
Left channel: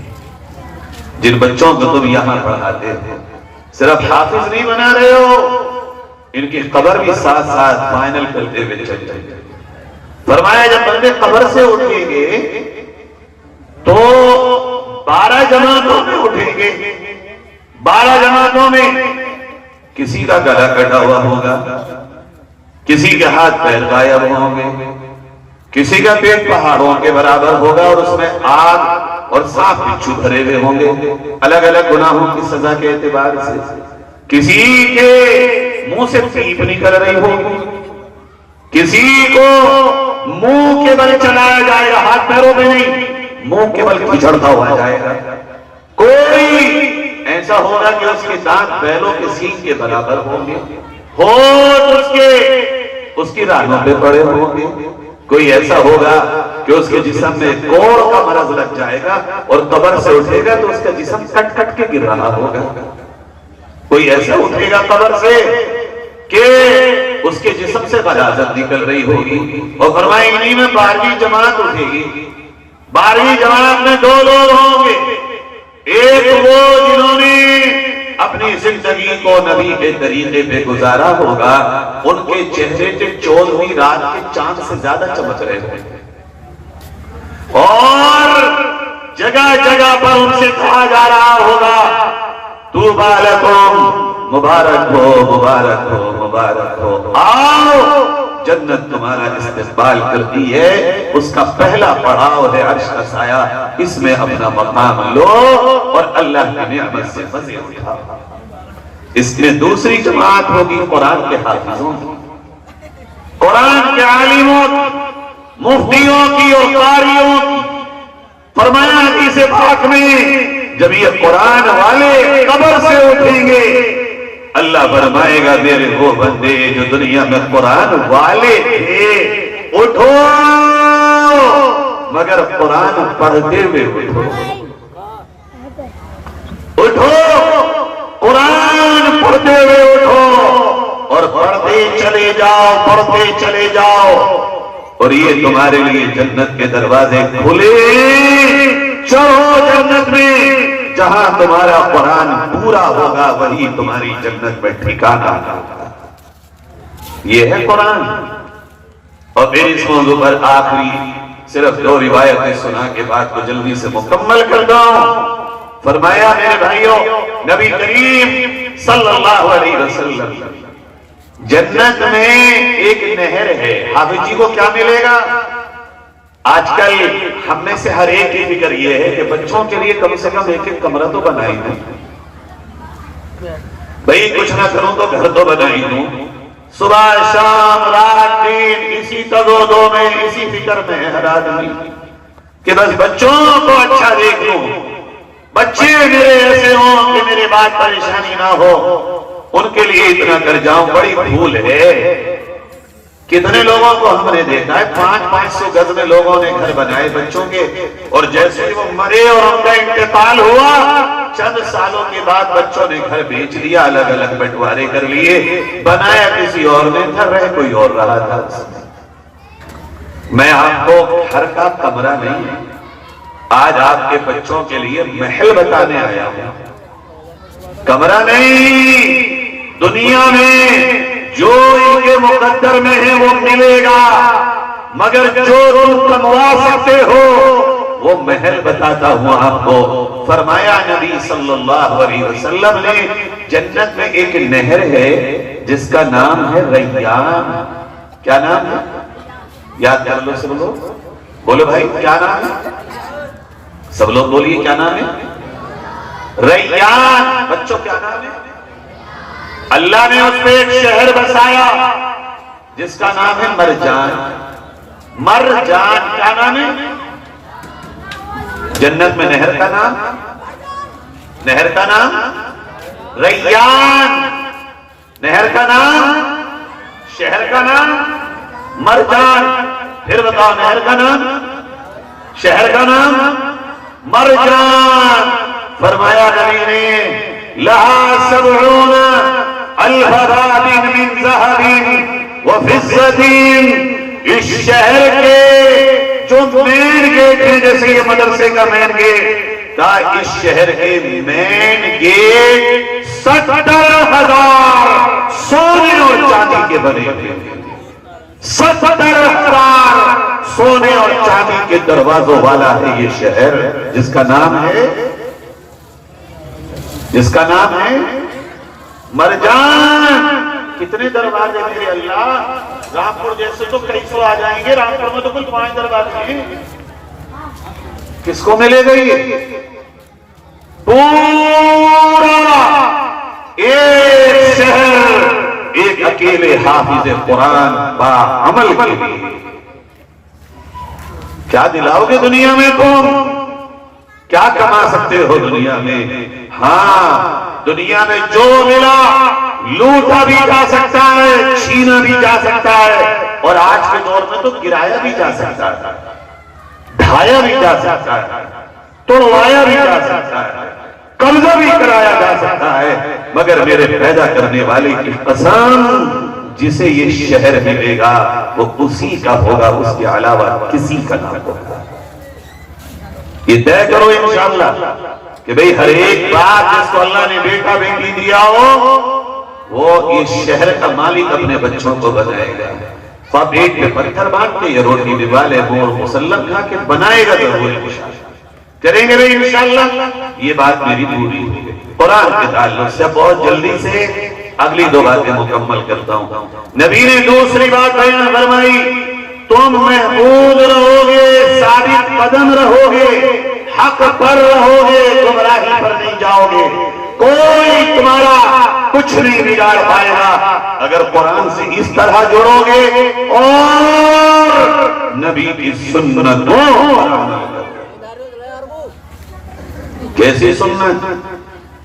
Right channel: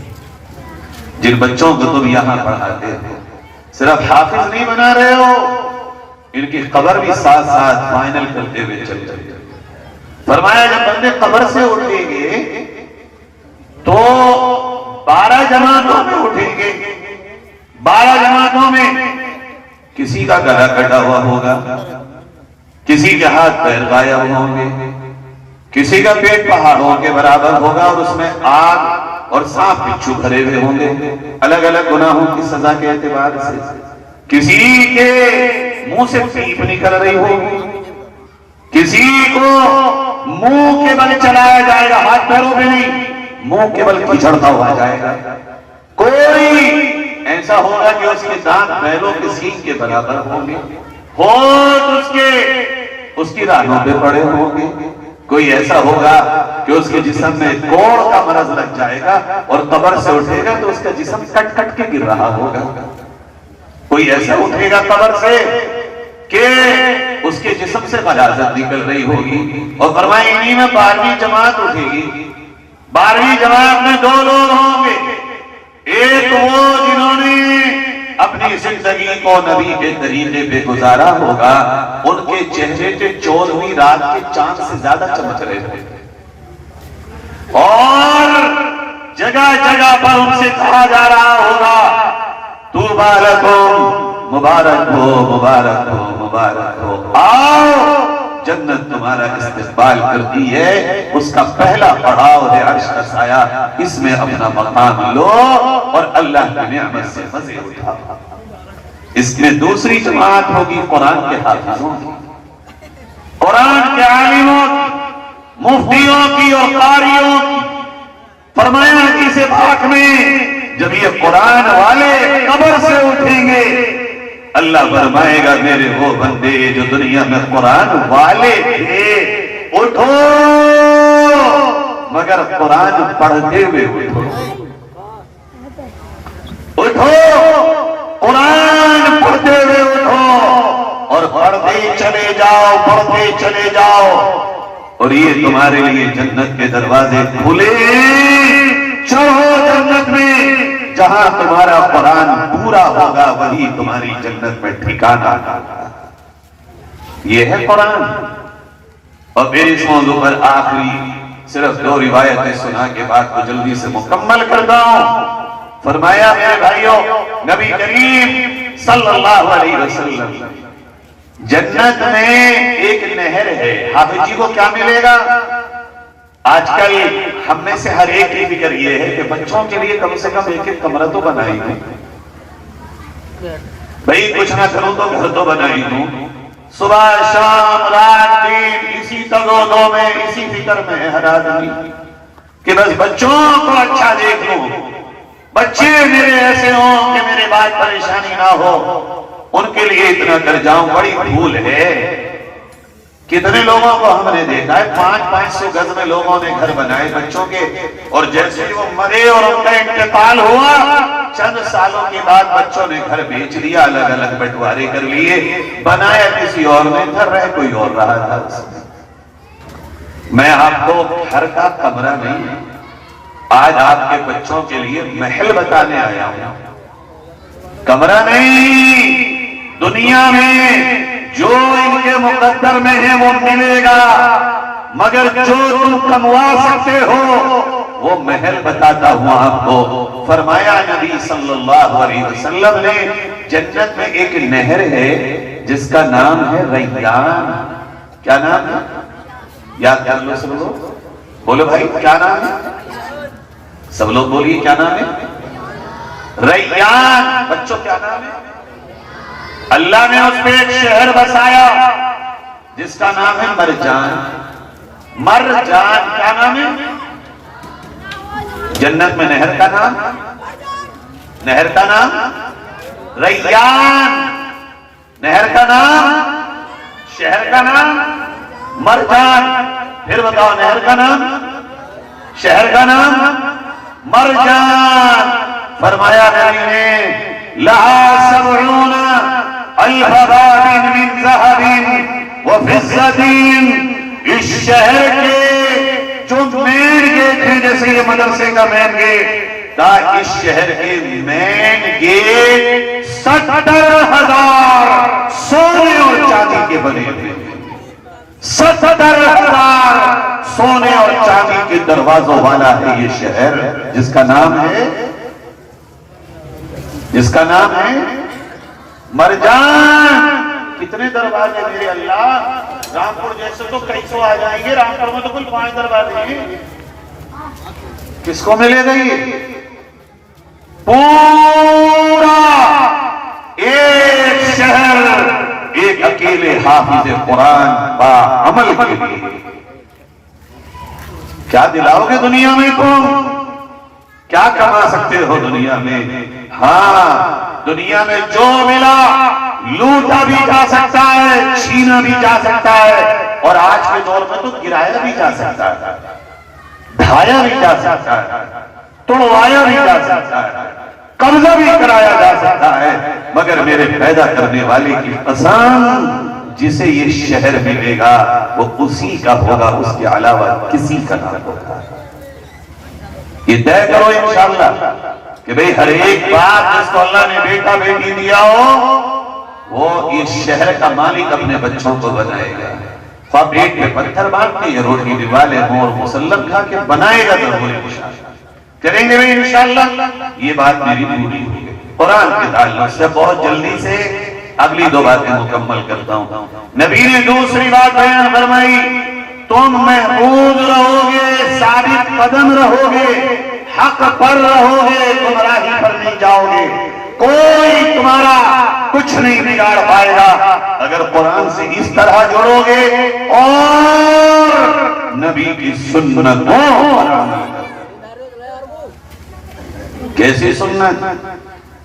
جن بچوں کو تم یہاں پڑھاتے ہو صرف حافظ نہیں بنا رہے ہو، ان کی قبر بھی ساتھ ساتھ فائنل کرتے ہوئے چل چلے۔ فرمایا جب بندے قبر سے اٹھیں گے تو 12 جماعتوں میں اٹھیں گے، 12 جماعتوں میں کسی کا گلا کٹا ہوا ہوگا، کسی کے ہاتھ پیر غائب ہوں گے، کسی کا پیٹ پہاڑوں کے برابر ہوگا اور اس میں آگ اور سانپ بچھو بھرے ہوئے ہوں گے الگ الگ گناہوں کی سزا کے اعتبار سے۔ کسی کے منہ سے پیپ نکل رہی ہوگی، کسی کو منہ کے بل چلایا جائے گا، ہاتھ پیروں میں نہیں، منہ کے بل کچڑتا ہوا جائے گا۔ کوئی ایسا ہوگا کہ اس کے دانت بیلوں کے سینگ کے برابر ہوں گے، ہونٹ اس کی رانوں پہ پڑے ہوں گے۔ کوئی ایسا ہوگا کہ اس کے جسم میں کوڑ کا مرض لگ جائے گا اور قبر سے اٹھے گا تو اس کا جسم کٹ کٹ کے گر رہا ہوگا۔ کوئی ایسا اٹھے گا قبر سے کہ اس کے جسم سے غلاظت نکل رہی ہوگی، اور فرمائے انہی میں 12ویں جماعت اٹھے گی۔ 12ویں جماعت میں 2 لوگ ہوں گے، ایک وہ جنہوں نے اپنی زندگی کو نبی کے طریقے پہ گزارا ہوگا، ان کے چہرے کے 14ویں رات کے چاند سے زیادہ چمک رہے تھے، اور جگہ جگہ پر ان سے کہا جا رہا ہوگا طوبیٰ لکم، مبارک ہو مبارک ہو مبارک ہو، آؤ جنت تمہارا استقبال کرتی ہے، اس کا پہلا پڑاؤ ہے عرش کا سایہ، اس میں اپنا مقام لو اور اللہ کی نعمت سے مزے اٹھاؤ۔ اس میں دوسری جماعت ہوگی قرآن کے حافظوں کی، قرآن کے عالموں کی، مفتیوں کی اور قاریوں کی۔ فرمایا حدیث پاک میں جب یہ قرآن والے قبر سے اٹھیں گے، اللہ فرمائے گا میرے وہ بندے جو دنیا میں قرآن والے تھے اٹھو، مگر قرآن پڑھتے ہوئے اٹھو، اٹھو قرآن پڑھتے ہوئے اٹھو اور پڑھتے چلے جاؤ، پڑھتے چلے جاؤ، اور یہ تمہارے لیے جنت کے دروازے کھلے، چلو جنت میں، جہاں تمہارا قرآن پورا ہوگا وہی تمہاری جنت میں ٹھکانہ ہوگا۔ یہ ہے قرآن۔ اور پھر اس موضوع پر آخری صرف 2 روایتیں سنا کے بات کو جلدی سے مکمل کر دوں۔ فرمایا میرے بھائیوں، نبی کریم صلی اللہ علیہ وسلم، جنت میں ایک نہر ہے، حافظ جی کو کیا ملے گا؟ آج کل ہم میں سے ہر ایک کی فکر یہ ہے کہ بچوں کے لیے کم سے کم ایک کمرہ تو بنائی دوں، بھئی کچھ نہ کروں تو گھر تو بنائی دوں، صبح شام رات دن اسی تگودو میں، اسی فکر میں ہر آدمی کہ بس بچوں کو اچھا دیکھوں، بچے میرے ایسے ہوں کہ میرے بات پریشانی نہ ہو، ان کے لیے اتنا کر جاؤں۔ بڑی بھول ہے، کتنے لوگوں کو ہم نے دیکھا ہے 500 گز میں لوگوں نے گھر بنائے بچوں کے، اور جیسے وہ مرے اور ان کا انتقال ہوا، چند سالوں کے بعد بچوں نے گھر بیچ دیا، الگ الگ بٹوارے کر لیے، بنایا کسی اور نے، گھر رہ کوئی اور رہا تھا۔ میں آپ کو گھر کا کمرہ نہیں، آج آپ کے بچوں کے لیے محل بتانے آیا ہوں، کمرہ نہیں۔ دنیا میں جو ان کے مقدر میں ہے وہ ملے گا، مگر جو تم کموا سکتے ہو وہ محل بتاتا ہوں آپ کو۔ فرمایا نبی صلی اللہ علیہ وسلم نے جنت میں ایک نہر ہے جس کا نام ہے ریان۔ کیا نام ہے؟ یاد کر لو سب لوگ، بولو بھائی کیا نام ہے؟ سب لوگ بولیے کیا نام ہے؟ ریان۔ بچوں کیا نام ہے؟ اللہ نے اس پہ ایک شہر بسایا جس کا نام ہے مرجان۔ مرجان کیا نام ہے؟ جنت میں نہر کا نام، نہر کا نام ریان، نہر کا نام، شہر کا نام مرجان۔ پھر بتاؤ نہر کا نام، شہر کا نام مرجان۔ فرمایا نبی نے لہا 70 الف باب من ذهب وفضة، اس شہر کے جو مین گیٹ ہیں، جیسے یہ مدرسے کا مین گیٹ، کہا اس شہر کے مین گیٹ 70,000 سونے اور چاندی کے بنے ہوئے ہیں۔ 70,000 سونے اور چاندی کے دروازوں والا ہے یہ شہر، جس کا نام ہے مرجان۔ کتنے دروازے میرے اللہ، رامپور جیسے تو کئی سو آ جائیں گے، رامپور میں تو کل 5 دروازے ہیں۔ کس کو ملے گا یہ؟ پورا ایک شہر ایک اکیلے حافظ قرآن با عمل کے لیے۔ کیا دلاؤ گے دنیا میں تم؟ کیا کما سکتے ہو دنیا میں؟ ہاں، دنیا میں جو ملا لوٹا بھی جا سکتا ہے، چھینا بھی جا سکتا ہے، اور آج کے دور میں تو گرایا بھی جا سکتا ہے، ڈھایا بھی جا سکتا ہے، توڑوایا بھی جا سکتا ہے، قبضہ بھی کرایا جا سکتا ہے، مگر میرے پیدا کرنے والے کی قسم، جسے یہ شہر ملے گا وہ اسی کا ہوگا، اس کے علاوہ کسی کا نہ ہوگا۔ یہ طے کرو انشاءاللہ کہ بھئی ہر ایک بات جس کو اللہ نے بیٹا بیٹی دیا ہو وہ اس شہر کا مالک اپنے بچوں کو بنائے گا۔ خواہ پیٹ میں پتھر باندھ کے یا روٹی دیوالے مور مسلم کھا کے بنائے گا ضرور انشاءاللہ۔ کریں گے بھئی انشاءاللہ؟ یہ بات میری پوری ہوئی ہے۔ قرآن کے تعلق سے بہت جلدی سے اگلی 2 باتیں مکمل کرتا ہوں۔ نبی نے دوسری بات بیان فرمائی، تم محفوظ رہو گے، ثابت قدم رہو گے، حق پر رہو گے، گمراہی پر نہیں جاؤ گے، کوئی تمہارا کچھ نہیں بگاڑ پائے گا اگر قرآن سے اس طرح جوڑو گے اور نبی کی سنتوں۔ کیسی سنت؟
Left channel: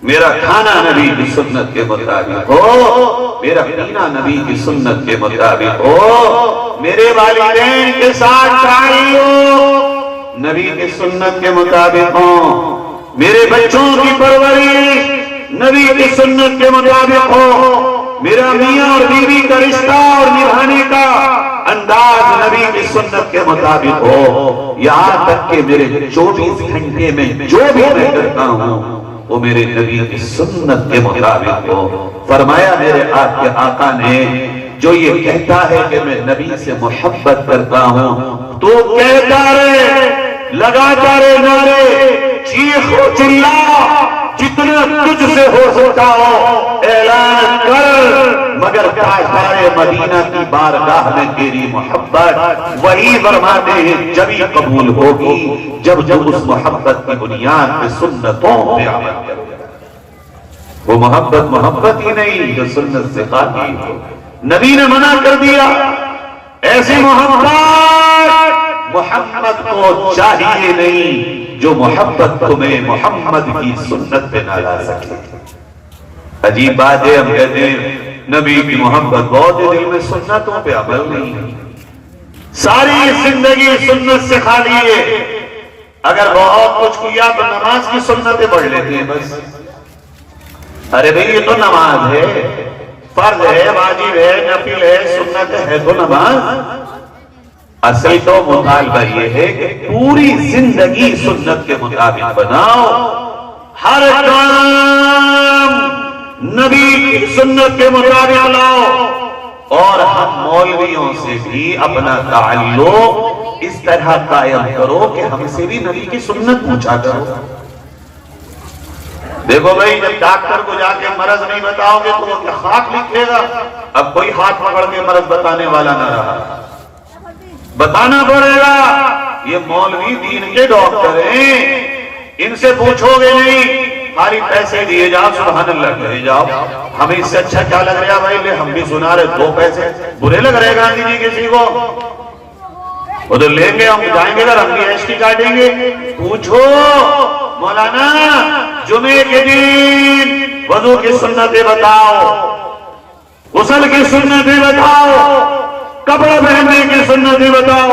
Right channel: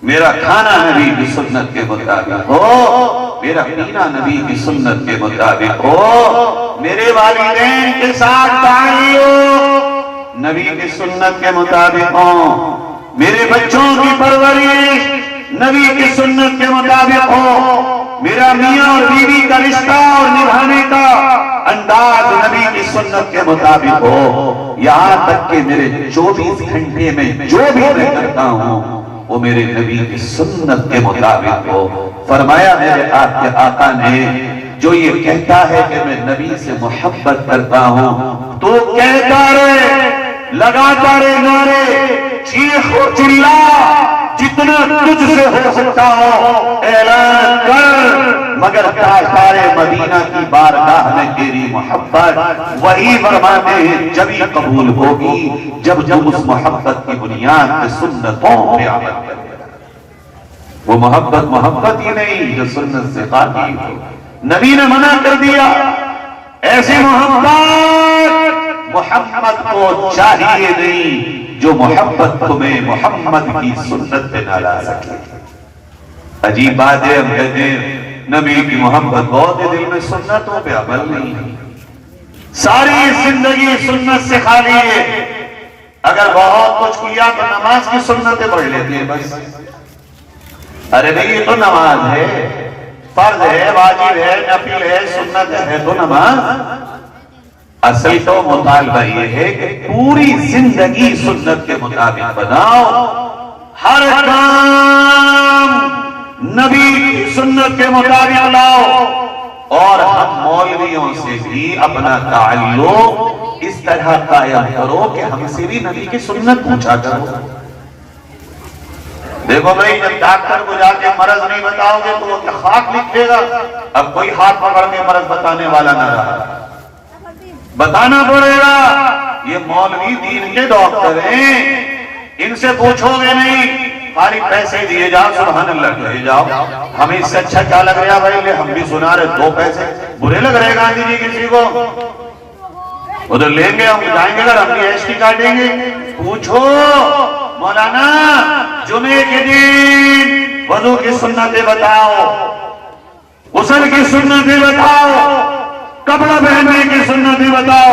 میرا کھانا نبی کی سنت کے مطابق ہو، میرا پینا نبی کی سنت کے مطابق ہو، میرے والدین کے ساتھ تعلق نبی کی سنت کے مطابق ہو، میرے بچوں کی پرورش نبی کی سنت کے مطابق ہو، میرا میاں اور بیوی کا رشتہ اور نبھانے کا انداز نبی کی سنت کے مطابق ہو، یہاں تک کہ میرے 24 گھنٹے میں جو بھی میں کرتا ہوں وہ میرے نبی کی سنت کے مطابق ہو۔ فرمایا میرے آپ کے آقا نے جو یہ کہتا ہے کہ میں نبی سے محبت کرتا ہوں تو کہتا رہے، لگاتا رہے نعرے، چیخ و چلا، جتنا تجھ سے ہو سکتا ہو اعلان کر، مگر تاجدار مدینہ کی بارگاہ میں تیری محبت وہی فرماتے ہیں جبھی قبول ہوگی جب اس محبت کی بنیاد پہ سنتوں پہ عمل کرے گا۔ وہ محبت ہی نہیں جو سنت سے قائم ہو۔ نبی نے منع کر دیا ایسی محمد کو چاہیے نہیں جو محبت تمہیں محمد کی سنت پہ نہ لا سکے۔ عجیب بات ہے، ہم کہتے ہیں نبی کی محبت بہت ہے، دل میں سنتوں پہ عمل نہیں، ساری زندگی سنت سے خالی ہے۔ اگر بہت کچھ کیا تو نماز کی سنتیں پڑھ لیتے ہیں بس۔ ارے بھئی یہ تو نماز ہے، فرض ہے، واجب ہے، نفل ہے، سنت ہے تو نماز۔ اصل تو مطالبہ یہ ہے کہ پوری زندگی سنت کے مطابق بناؤ، ہر کام نبی کی سنت کے مطابق لاؤ، اور ہم مولویوں سے بھی اپنا تعلق اس طرح قائم کرو کہ ہم سے بھی نبی کی سنت پوچھا کرو۔ دیکھو بھائی، جب ڈاکٹر کو جا کے مرض نہیں بتاؤ گے تو وہ کیا خاک لکھے گا؟ اب کوئی ہاتھ پکڑ کے مرض بتانے والا نہ رہا، بتانا پڑے گا۔ یہ مولوی دین کے ڈاکٹر ہیں، ان سے پوچھو گے نہیں، خالی پیسے دیے جاؤ، سبحان اللہ کہے جاؤ۔ ہمیں اس سے اچھا کیا لگ رہا بھائی؟ ہم بھی سنا رہے 2 پیسے برے لگ رہے گاندھی جی کسی کو؟ ادھر لیں گے، ہم جائیں گے ادھر، ہم بھی ایش کی کاٹیں گے۔ پوچھو مولانا، جمعے کے دن وضو کی سنتیں بتاؤ، غسل کی سنتیں بتاؤ، کپڑا پہننے کی سنتیں بتاؤ۔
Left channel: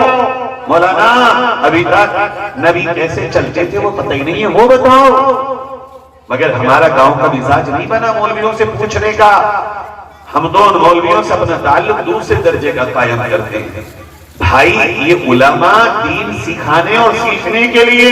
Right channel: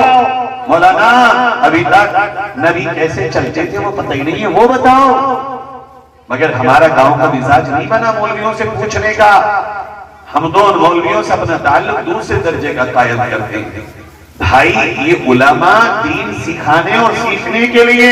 مولانا ابھی تک نبی کیسے چلتے تھے وہ پتہ ہی نہیں ہے، وہ بتاؤ۔ مگر ہمارا گاؤں کا مزاج نہیں بنا مولویوں سے پوچھنے کا، ہم تو ان مولویوں سے اپنا تعلق دوسرے درجے کا قائم کرتے ہیں۔ بھائی، یہ علماء دین سکھانے اور سیکھنے کے لیے،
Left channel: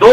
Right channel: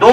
2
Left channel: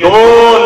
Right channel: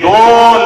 2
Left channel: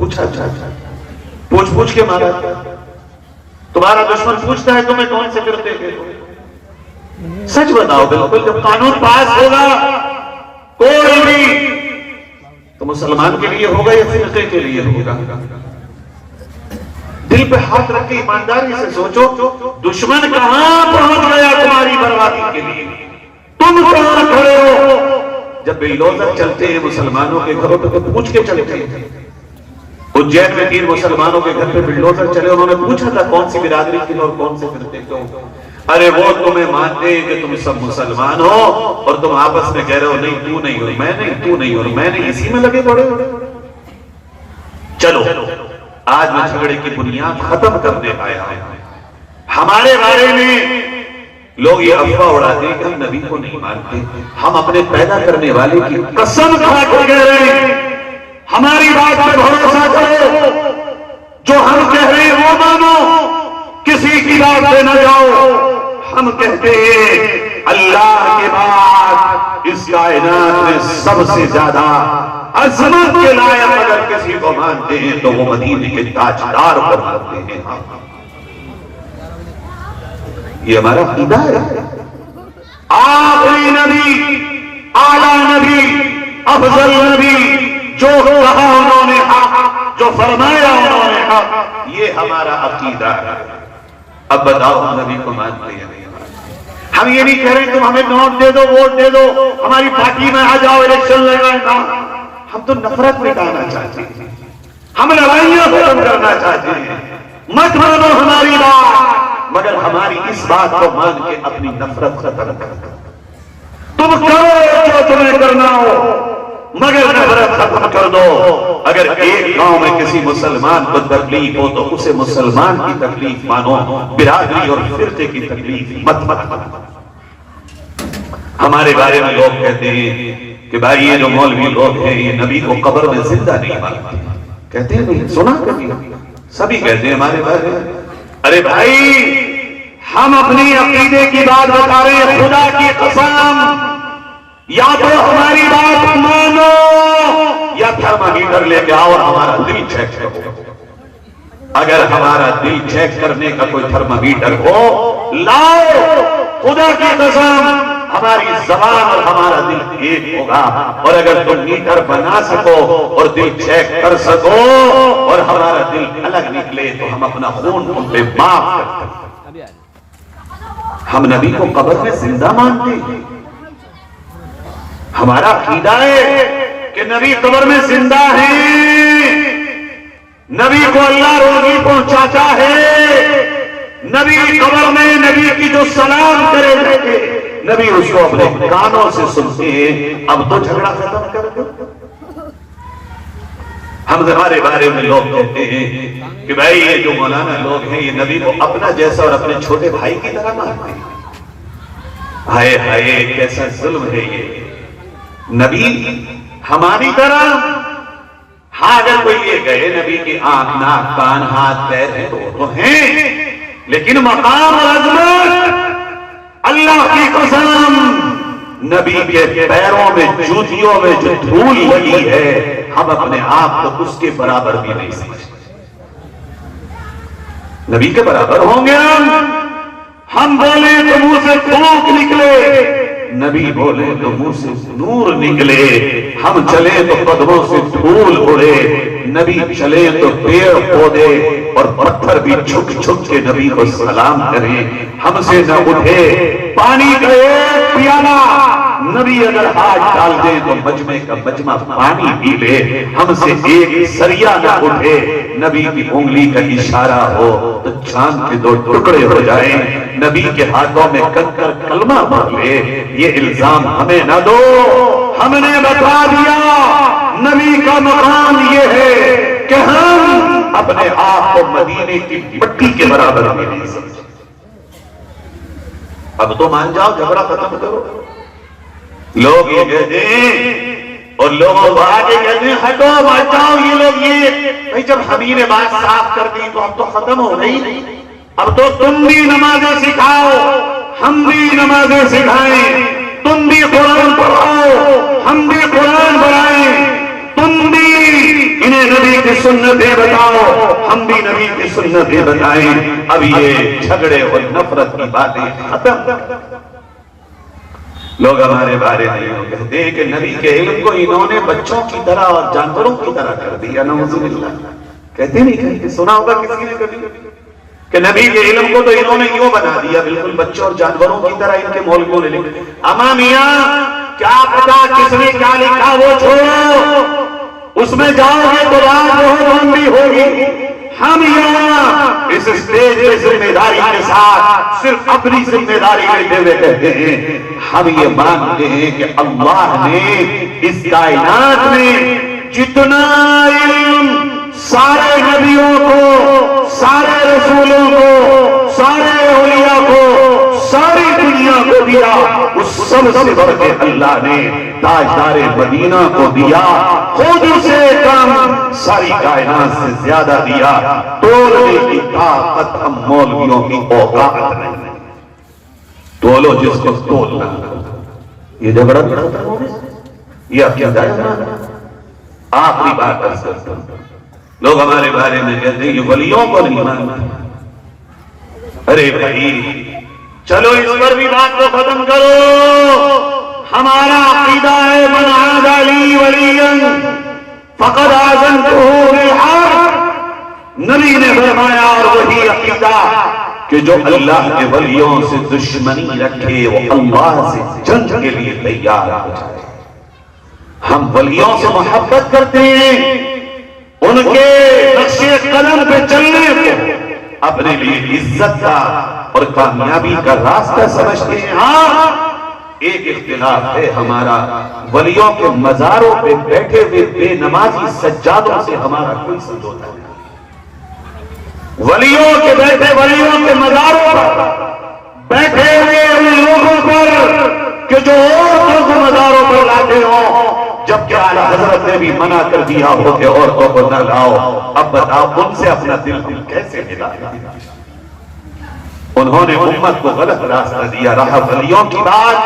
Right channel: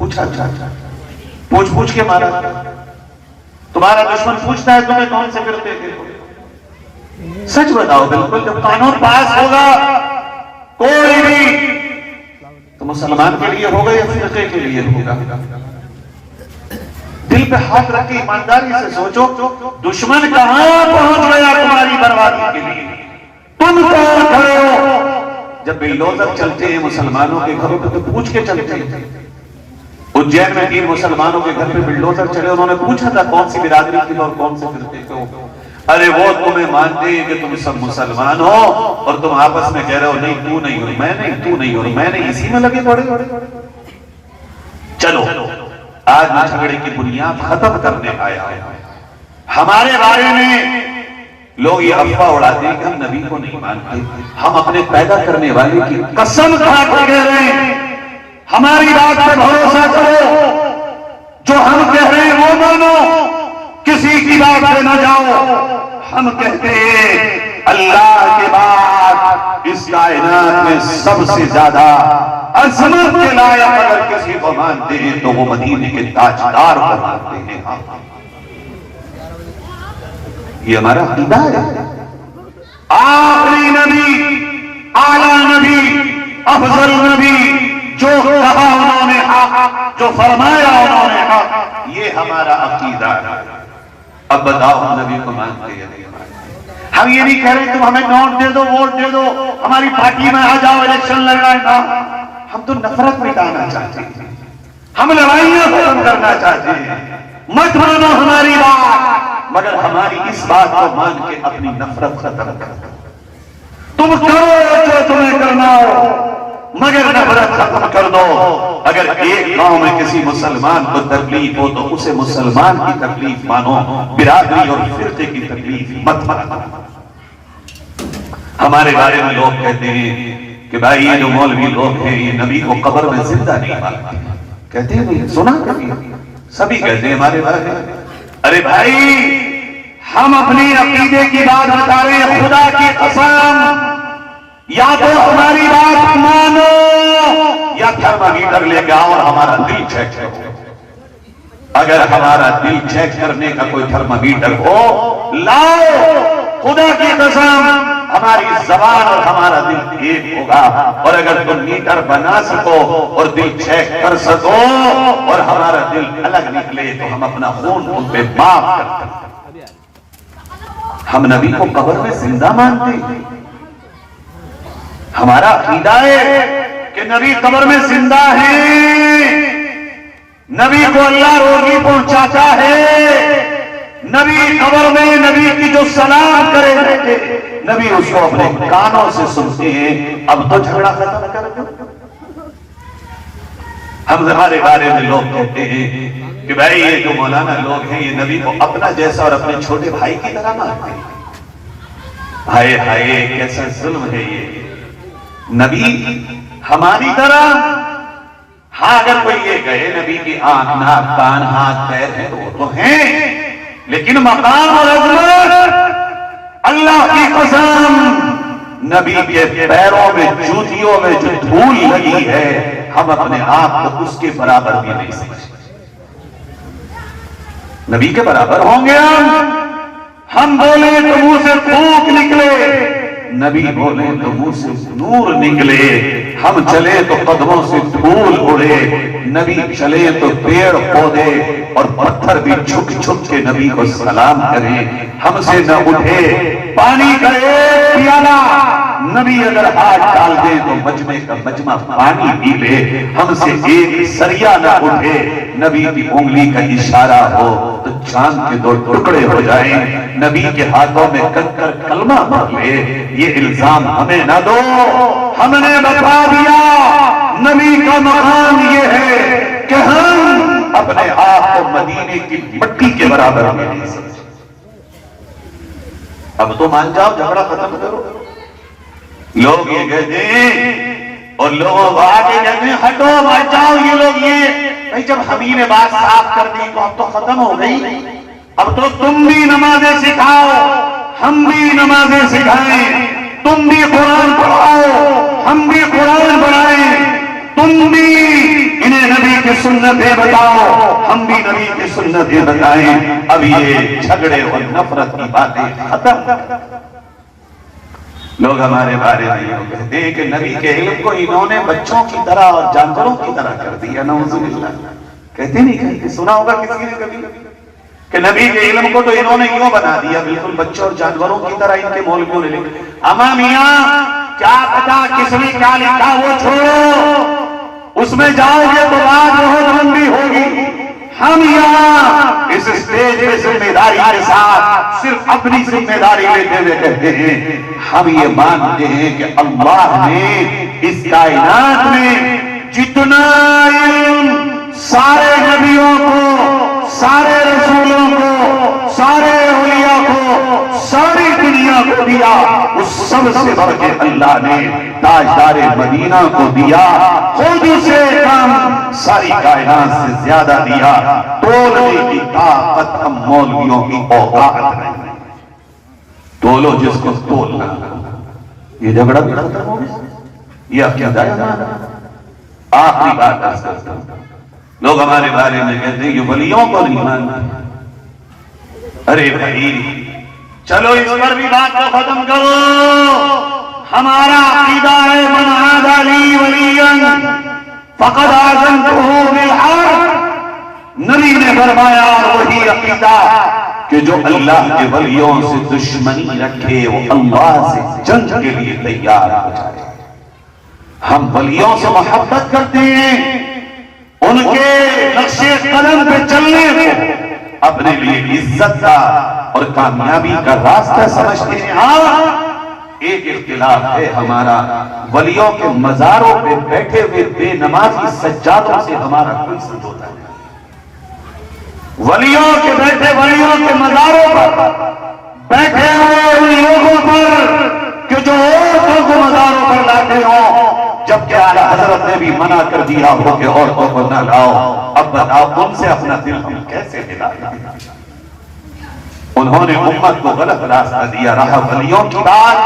پوچھا پوچھ کے مارا. تمہارا دشمن پوچھتا ہے تمہیں کون سے فرقے کے ہو؟ سچ بتاؤ بالکل. جب قانون پاس ہوگا کوئی بھی تو مسلمان کے لیے ہوگا یا فرقے کے لیے ہوگا؟ دل پہ ہاتھ رکھ کے ایمانداری سے سوچو دشمن کہاں پہنچ گیا تمہاری بربادی کے لیے؟ تم کہاں کھڑے ہو؟ جب بلڈوزر چلتے ہیں مسلمانوں کے گھروں پہ تو پوچھ کے چلتے ہیں. اجین میں 3 مسلمانوں کے گھر پہ بلڈوزر چلے, انہوں نے پوچھا تھا کون سی برادری کے اور کون سے فرقے کے ہو. ارے وہ تمہیں مانتے ہیں کہ تم سب مسلمان ہو اور تم آپس میں کہہ رہے ہو نہیں تو نہیں ہو, میں نہیں, تو نہیں ہو, میں نہیں, اسی میں لگے پڑے ہو. چلو آج میں جھگڑے کی بنیاد ختم کرنے آیا ہوں. ہمارے بارے میں لوگ یہ افواہ اڑاتے ہیں کہ ہم نبی کو نہیں مانتے. ہم اپنے پیدا کرنے والے کی قسم کھا کے کہہ رہے ہیں ہماری بات پہ بھروسہ کرو, جو ہم کہہ رہے ہیں وہ مانو, کسی کی بات پہ نہ جاؤ. ہم کہتے ہیں اللہ کے بعد اس کائنات میں سب سے زیادہ عظمت کے لائق اگر کسی کو مانتے ہیں تو وہ مدینے کے تاجدار کو مانتے ہیں. یہ ہمارا عقیدہ ہے. آخری نبی, اعلیٰ نبی, افضل نبی, جو کہا انہوں نے حق, جو فرمایا انہوں نے حق, یہ ہمارا عقیدہ ہے. اب بتاؤ ہم نبی کو مانتے ہیں؟ ہم یہ نہیں کہہ رہے تم ہمیں نوٹ دے دو, ووٹ دے دو, ہماری پارٹی میں آ جاؤ, الیکشن لڑائیں. ہم تو نفرت مٹانا چاہتے ہیں, ہم لڑائیاں ختم کرنا چاہتے ہیں. مت مانو ہماری بات, مگر ہماری اس بات کو مان کے اپنی نفرت ختم کر دو. تم کرو جو تمہیں کرنا ہو مگر نفرت ختم کر دو. اگر ایک گاؤں میں کسی مسلمان کو تکلیف ہو تو اسے مسلمان کی تکلیف مانو, برادری اور فرقے کی تکلیف مت مانو. ہمارے بارے میں لوگ کہتے ہیں کہ بھائی یہ جو مولوی لوگ ہیں یہ نبی کو قبر میں زندہ نہیں مانتے. کہتے ہیں سنا کبھی؟ سبھی کہتے ہیں ہمارے بارے میں. ارے بھائی ہم اپنی عقیدے کی بات بتا رہے ہیں, خدا کی قسم یا تو ہماری بات مانو یا تھرمامیٹر لے کے آؤ اور ہمارا دل چیک کرو. اگر ہمارا دل چیک کرنے کا کوئی تھرمامیٹر ہو لاؤ, خدا کی قسم ہماری زبان اور ہمارا دل ایک ہوگا. اور اگر تم میٹر بنا سکو اور دل چیک کر سکو اور ہمارا دل الگ نکلے تو ہم اپنا خون ان پہ معاف کرتے ہیں. ہم نبی کو قبر میں زندہ مانتے ہیں. ہمارا عقیدہ ہے کہ نبی قبر میں زندہ ہے, نبی کو اللہ روزی پہنچاتا ہے. نبی قبر میں نبی کی جو سلام کرے رہتے نبی اس کو اپنے کانوں سے سنتے ہیں. اب تو جھگڑا ختم کر دو. ہم ہمارے بارے میں لوگ کہتے ہیں کہ بھائی یہ جو مولانا لوگ ہیں یہ نبی کو اپنا جیسا اور اپنے چھوٹے بھائی کی طرح مانتے ہیں. ہائے ہائے کیسا ظلم ہے یہ. نبی ہماری طرح, ہاں اگر کوئی یہ کہے نبی کی آنکھ, ناک, کان, ہاتھ, پیر ہیں تو ہیں, لیکن مقام اور عظمت اللہ کی قسم نبی کے پیروں میں جوتیوں میں جو دھول لگی ہے ہم اپنے آپ کو اس کے برابر بھی نہیں سمجھتے. نبی کے برابر ہوں گے ہم بولے تو منہ سے پھونک نکلے, نبی بولے تو منہ سے نور نکلے. ہم چلے تو قدموں سے دھول اڑے, نبی چلے تو پیڑ پودے اور پتھر بھی جھک جھک کے نبی کو سلام کریں. ہم سے نہ اٹھے پانی کا ایک پیالہ, نبی اگر ہاتھ ڈال دے تو مجمع کا مجمع پانی پی لے. ہم سے ایک سریا نہ اٹھے, نبی کی انگلی کا اشارہ ہو تو چاند کے 2 ٹکڑے ہو جائیں. نبی کے ہاتھوں میں کنکر کلمہ بھر لے. یہ الزام ہمیں نہ دو, ہم نے بتا دیا نبی کا مقام یہ ہے کہ ہم اپنے آپ کو مدینے کی مٹی کے برابر بھی نہیں سمجھتے. اب تو مان جاؤ, جھگڑا ختم کرو. لوگ یہ کہتے ہیں اور لوگوں کو آگے کہتے ہیں ہٹو مت جاؤ. یہ لوگ یہ بھائی جب ہم ہی نے بات صاف کر دی تو اب تو ختم ہو گئی. اب تو تم بھی نمازیں سکھاؤ, ہم بھی نمازیں سکھائیں. تم بھی قرآن پڑھاؤ, ہم بھی قرآن پڑھائیں. تم بھی انہیں نبی کی سنتیں بتاؤ، ہم بھی نبی کی سنتیں بتائیں. اب یہ جھگڑے اور نفرت کی باتیں ختم. لوگ ہمارے بارے میں یہ کہتے ہیں کہ نبی کے علم کو انہوں نے بچوں کی طرح اور جانوروں کی طرح کر دیا. نعوذ باللہ. کہتے نہیں کہ سنا ہوگا کسی نے کبھی کہ نبی کے علم کو تو انہوں نے یوں بنا دیا بالکل بچوں اور جانوروں کی طرح. ان کے مولویوں نے لکھا اما میاں کیا پتا کس نے کیا لکھا وہ چھوڑو، اس میں جاؤ گے تو بات بہت لمبی ہوگی. ہم یہاں اس اسٹیج پہ ذمہ داری کے ساتھ صرف اپنی ذمہ داری لیتے ہوئے کہتے ہیں ہم یہ مانتے ہیں کہ اللہ نے اس کائنات میں جتنا علم سارے نبیوں کو، سارے رسولوں کو، سارے اولیاء کو، ساری دنیا کو دیا، اس سب سے بڑھ کے اللہ نے تاجدار مدینہ کو دیا. خود اسے کام ساری کائنات سے زیادہ دیا. تولنے کی طاقت ہم مولویوں کی اوقات نہیں. تولو جس کو تولنا. یہ جھگڑا بھی ختم ہو گیا. یہ عقیدہ ہے. آخری بات کر سکتا ہوں. لوگ ہمارے بارے میں کہتے ہیں یہ ولیوں کو نہیں مانتے. ارے بھائی چلو اس پر بھی بات کو ختم کرو. ہمارا عقیدہ ہے من عاد لی ولیا فقد آذنتہ بالحرب. نبی نے فرمایا اور وہی عقیدہ کہ جو اللہ کے ولیوں سے دشمنی رکھے وہ اللہ سے جنگ کے لیے تیار ہو جائے. ہم ولیوں سے محبت کرتے ہیں، ان کے نقش قدم پہ چلنے کو اپنے لیے عزت کا اور کامیابی کا راستہ سمجھتے ہیں. ہاں ایک اختلاف ہے ہمارا، ولیوں کے مزاروں پہ بیٹھے ہوئے بے نمازی سجادوں سے ہمارا کوئی سمجھوتا نہیں. ولیوں کے بیٹھے ولیوں کے مزاروں پر بیٹھے ہوئے ان لوگوں پر کہ جو عورتوں کے مزاروں پر لاتے ہوں، جبکہ اعلیٰ حضرت نے بھی منع کر دیا ہو کہ عورتوں کو نہ لاؤ. اب بتاؤ ان سے اپنا دل ہم کیسے ہلائیں؟ انہوں نے امت کو غلط راستہ دیا. رہا ولیوں کی بات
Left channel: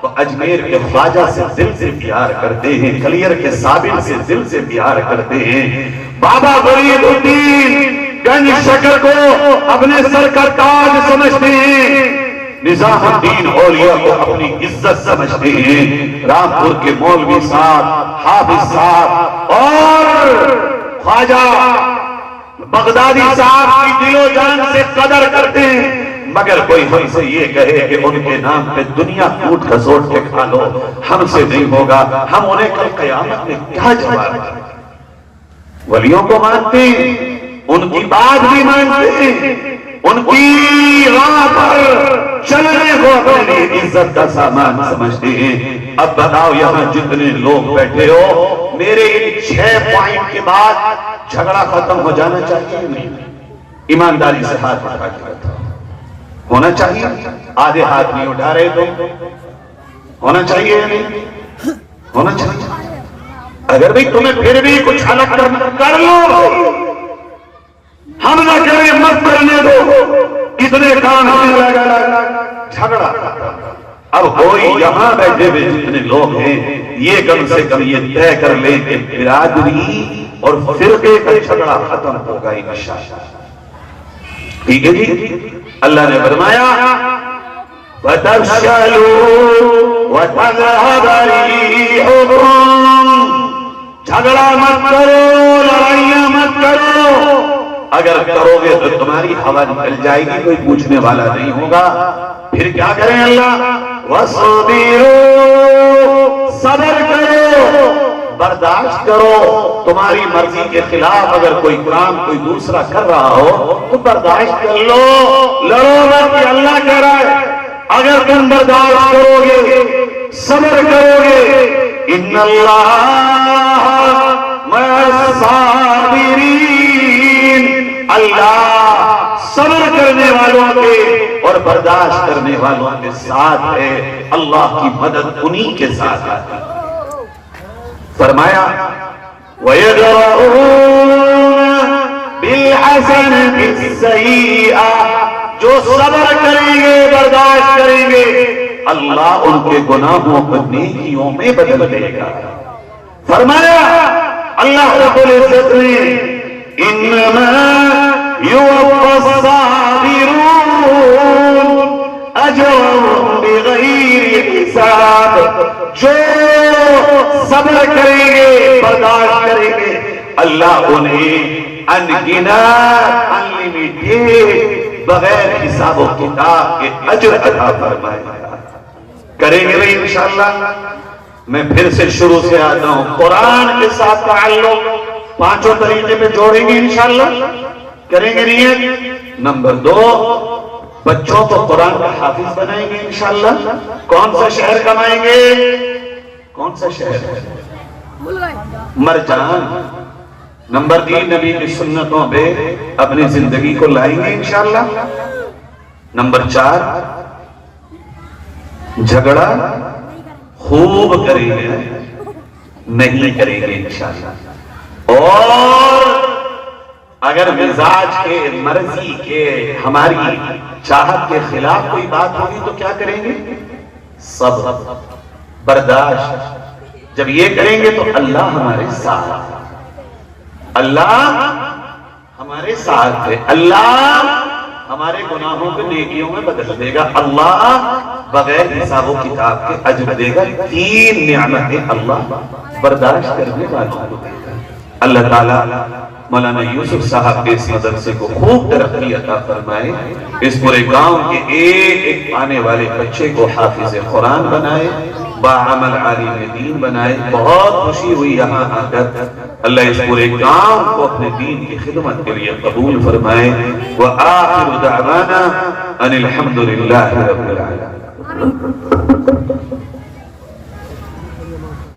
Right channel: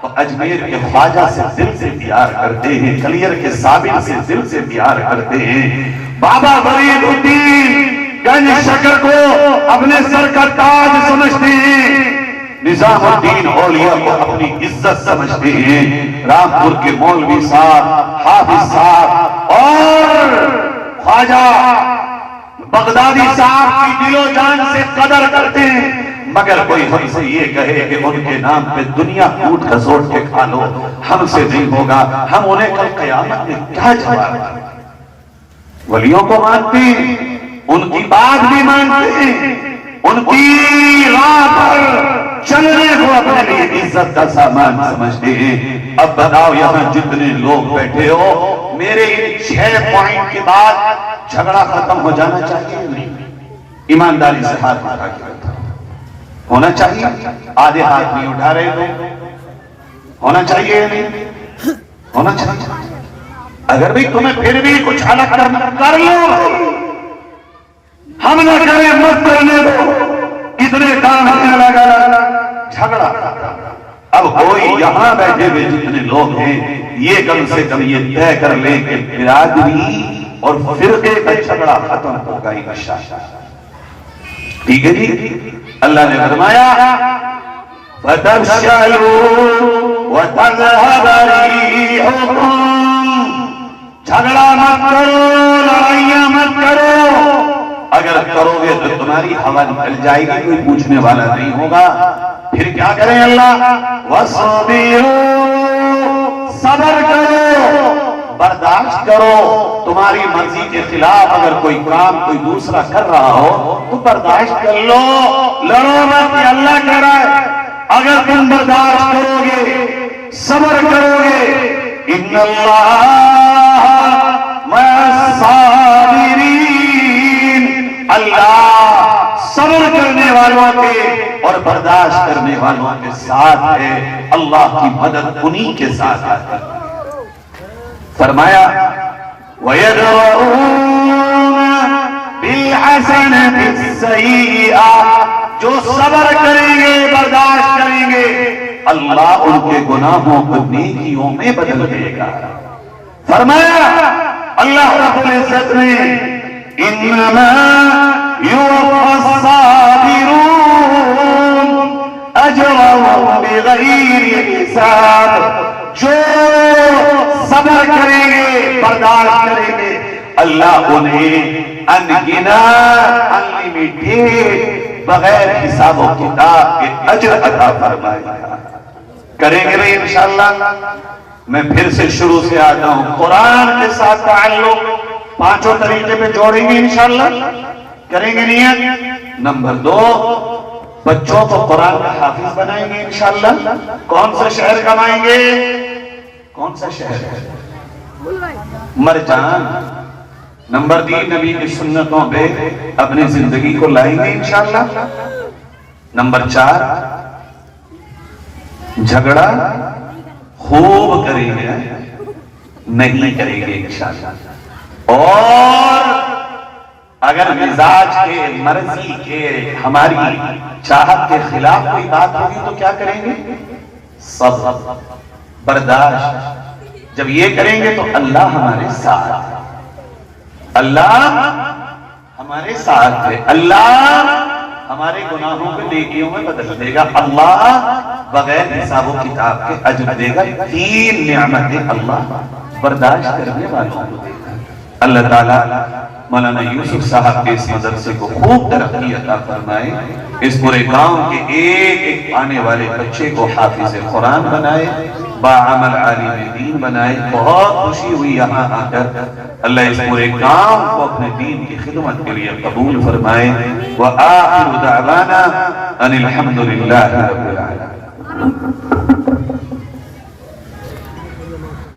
تو اجمیر کے خواجہ سے دل سے پیار کرتے ہیں، کلیر کے صابر سے دل سے پیار کرتے ہیں. بابا فرید الدین گنج شکر کو اپنے سر کا تاج سمجھتے ہیں. نظام الدین اولیاء کو اپنی عزت سمجھتے ہیں. رامپور کے مولوی صاحب، حافظ صاحب اور خواجہ بغدادی صاحب کی دل و جان سے قدر کرتے ہیں. مگر کوئی ہم سے یہ کہے کہ ان کے نام پہ دنیا کوٹ کھسوٹ کے کھا لو، ہم سے نہیں ہوگا. ہم انہیں کل قیامت میں کیا جواب دیں؟ ولیوں کو مانتے ہیں، ان کی بات بھی مانتے ہیں، ان کی راہ پر چلنے کو اپنے لیے عزت کا سامان سمجھتے ہیں. اب بتاؤ یہاں جتنے لوگ بیٹھے ہو، میرے ان 6 پوائنٹ کے بعد جھگڑا ختم ہو جانا چاہیے نہیں؟ ایمانداری سے ہاتھ اٹھا کے بتاؤ. ہونا چاہیے؟ آدھے ہاتھ نہیں اٹھا رہے تو ہونا چاہیے یا نہیں؟ ہونا چاہیے. اگر بھی تمہیں پھر بھی کچھ الگ کر لو، ہم نہ کریں مت کرنے دو. کتنے کام ہونے لگا جھگڑا. اب کوئی یہاں بیٹھے ہوئے جتنے لوگ ہیں یہ کم سے کم یہ طے کر لیں کہ برادری اور فرقے کا جھگڑا ختم ہوگا انشاءاللہ. ٹھیک ہے جی؟ اللہ نے فرمایا وَتَفْشَلُوا وَتَذْهَبَ رِيحُكُمْ. جھگڑا مت کرو، لڑائیاں مت کرو. اگر کرو گے تو تمہاری ہوا نکل جائے گی، کوئی پوچھنے والا نہیں ہوگا. پھر کیا کریں اللہ؟ وَصْبِرُوا. صبر کرو، برداشت کرو. تمہاری مرضی کے خلاف اگر کوئی کام کوئی دوسرا کر رہا ہو تو برداشت کر لو. لڑو مت، یہ اللہ کہہ رہا ہے. اگر تم برداشت کرو گے، صبر کرو گے، ان اللہ مع الصابرین. اللہ صبر کرنے والوں کے اور برداشت کرنے والوں کے ساتھ ہے. اللہ کی مدد انہی کے ساتھ آتی. فرمایا وَيَدْرَؤُونَ بِالْحَسَنَةِ السَّيِّئَةَ. جو صبر کریں گے، برداشت کریں گے، اللہ ان کے گناہوں کو نیکیوں میں بدل دے گا. فرمایا اللہ رب العزت نے انما یوفی الصابرون اجرهم بغیر حساب، جو صبر کریں گے، برداشت کریں گے، اللہ انہیں انلمیٹڈ بغیر حساب و کتاب کے اجر عطا فرمائے گا۔ کریں گے نہیں انشاءاللہ؟ میں پھر سے شروع سے آتا ہوں، قرآن کے ساتھ تعلق پانچوں طریقے پہ جوڑیں گے انشاءاللہ، کریں گے نیت؟ نمبر 2، بچوں کو قرآن کا حافظ بنائیں گے انشاءاللہ۔ کون سا شہر کمائیں گے؟ کون سا شہر؟ مرجان۔ نمبر 3، نبی کی سنتوں پہ اپنی زندگی کو لائیں گے انشاءاللہ۔ نمبر 4، جھگڑا خوب کریں گے، نہیں کریں گے انشاءاللہ۔ اور اگر مزاج کے، مرضی کے، ہماری چاہت کے خلاف کوئی بات ہوگی تو کیا کریں گے؟ صبر، برداشت۔ جب یہ کریں گے تو اللہ ہمارے ساتھ ہے، اللہ ہمارے ساتھ ہے، اللہ ہمارے گناہوں کو نیکیوں میں بدل دے گا، اللہ بغیر حساب و کتاب کے اجر دے گا۔ 3 نعمتیں اللہ برداشت کرنے والوں کو دے گا۔ اللہ تعالیٰ مولانا یوسف صاحب کے اس مدرسے کو خوب ترقی عطا فرمائے، اس پورے گاؤں کے ایک ایک آنے والے بچے کو حافظ قرآن بنائے، باعمل عالم دین بنائے۔ بہت خوشی ہوئی یہاں آ کر، اللہ اس پورے گاؤں کو اپنے دین کی خدمت کے لیے قبول فرمائے۔ وآخر دعوانا ان الحمد للہ رب العالمین۔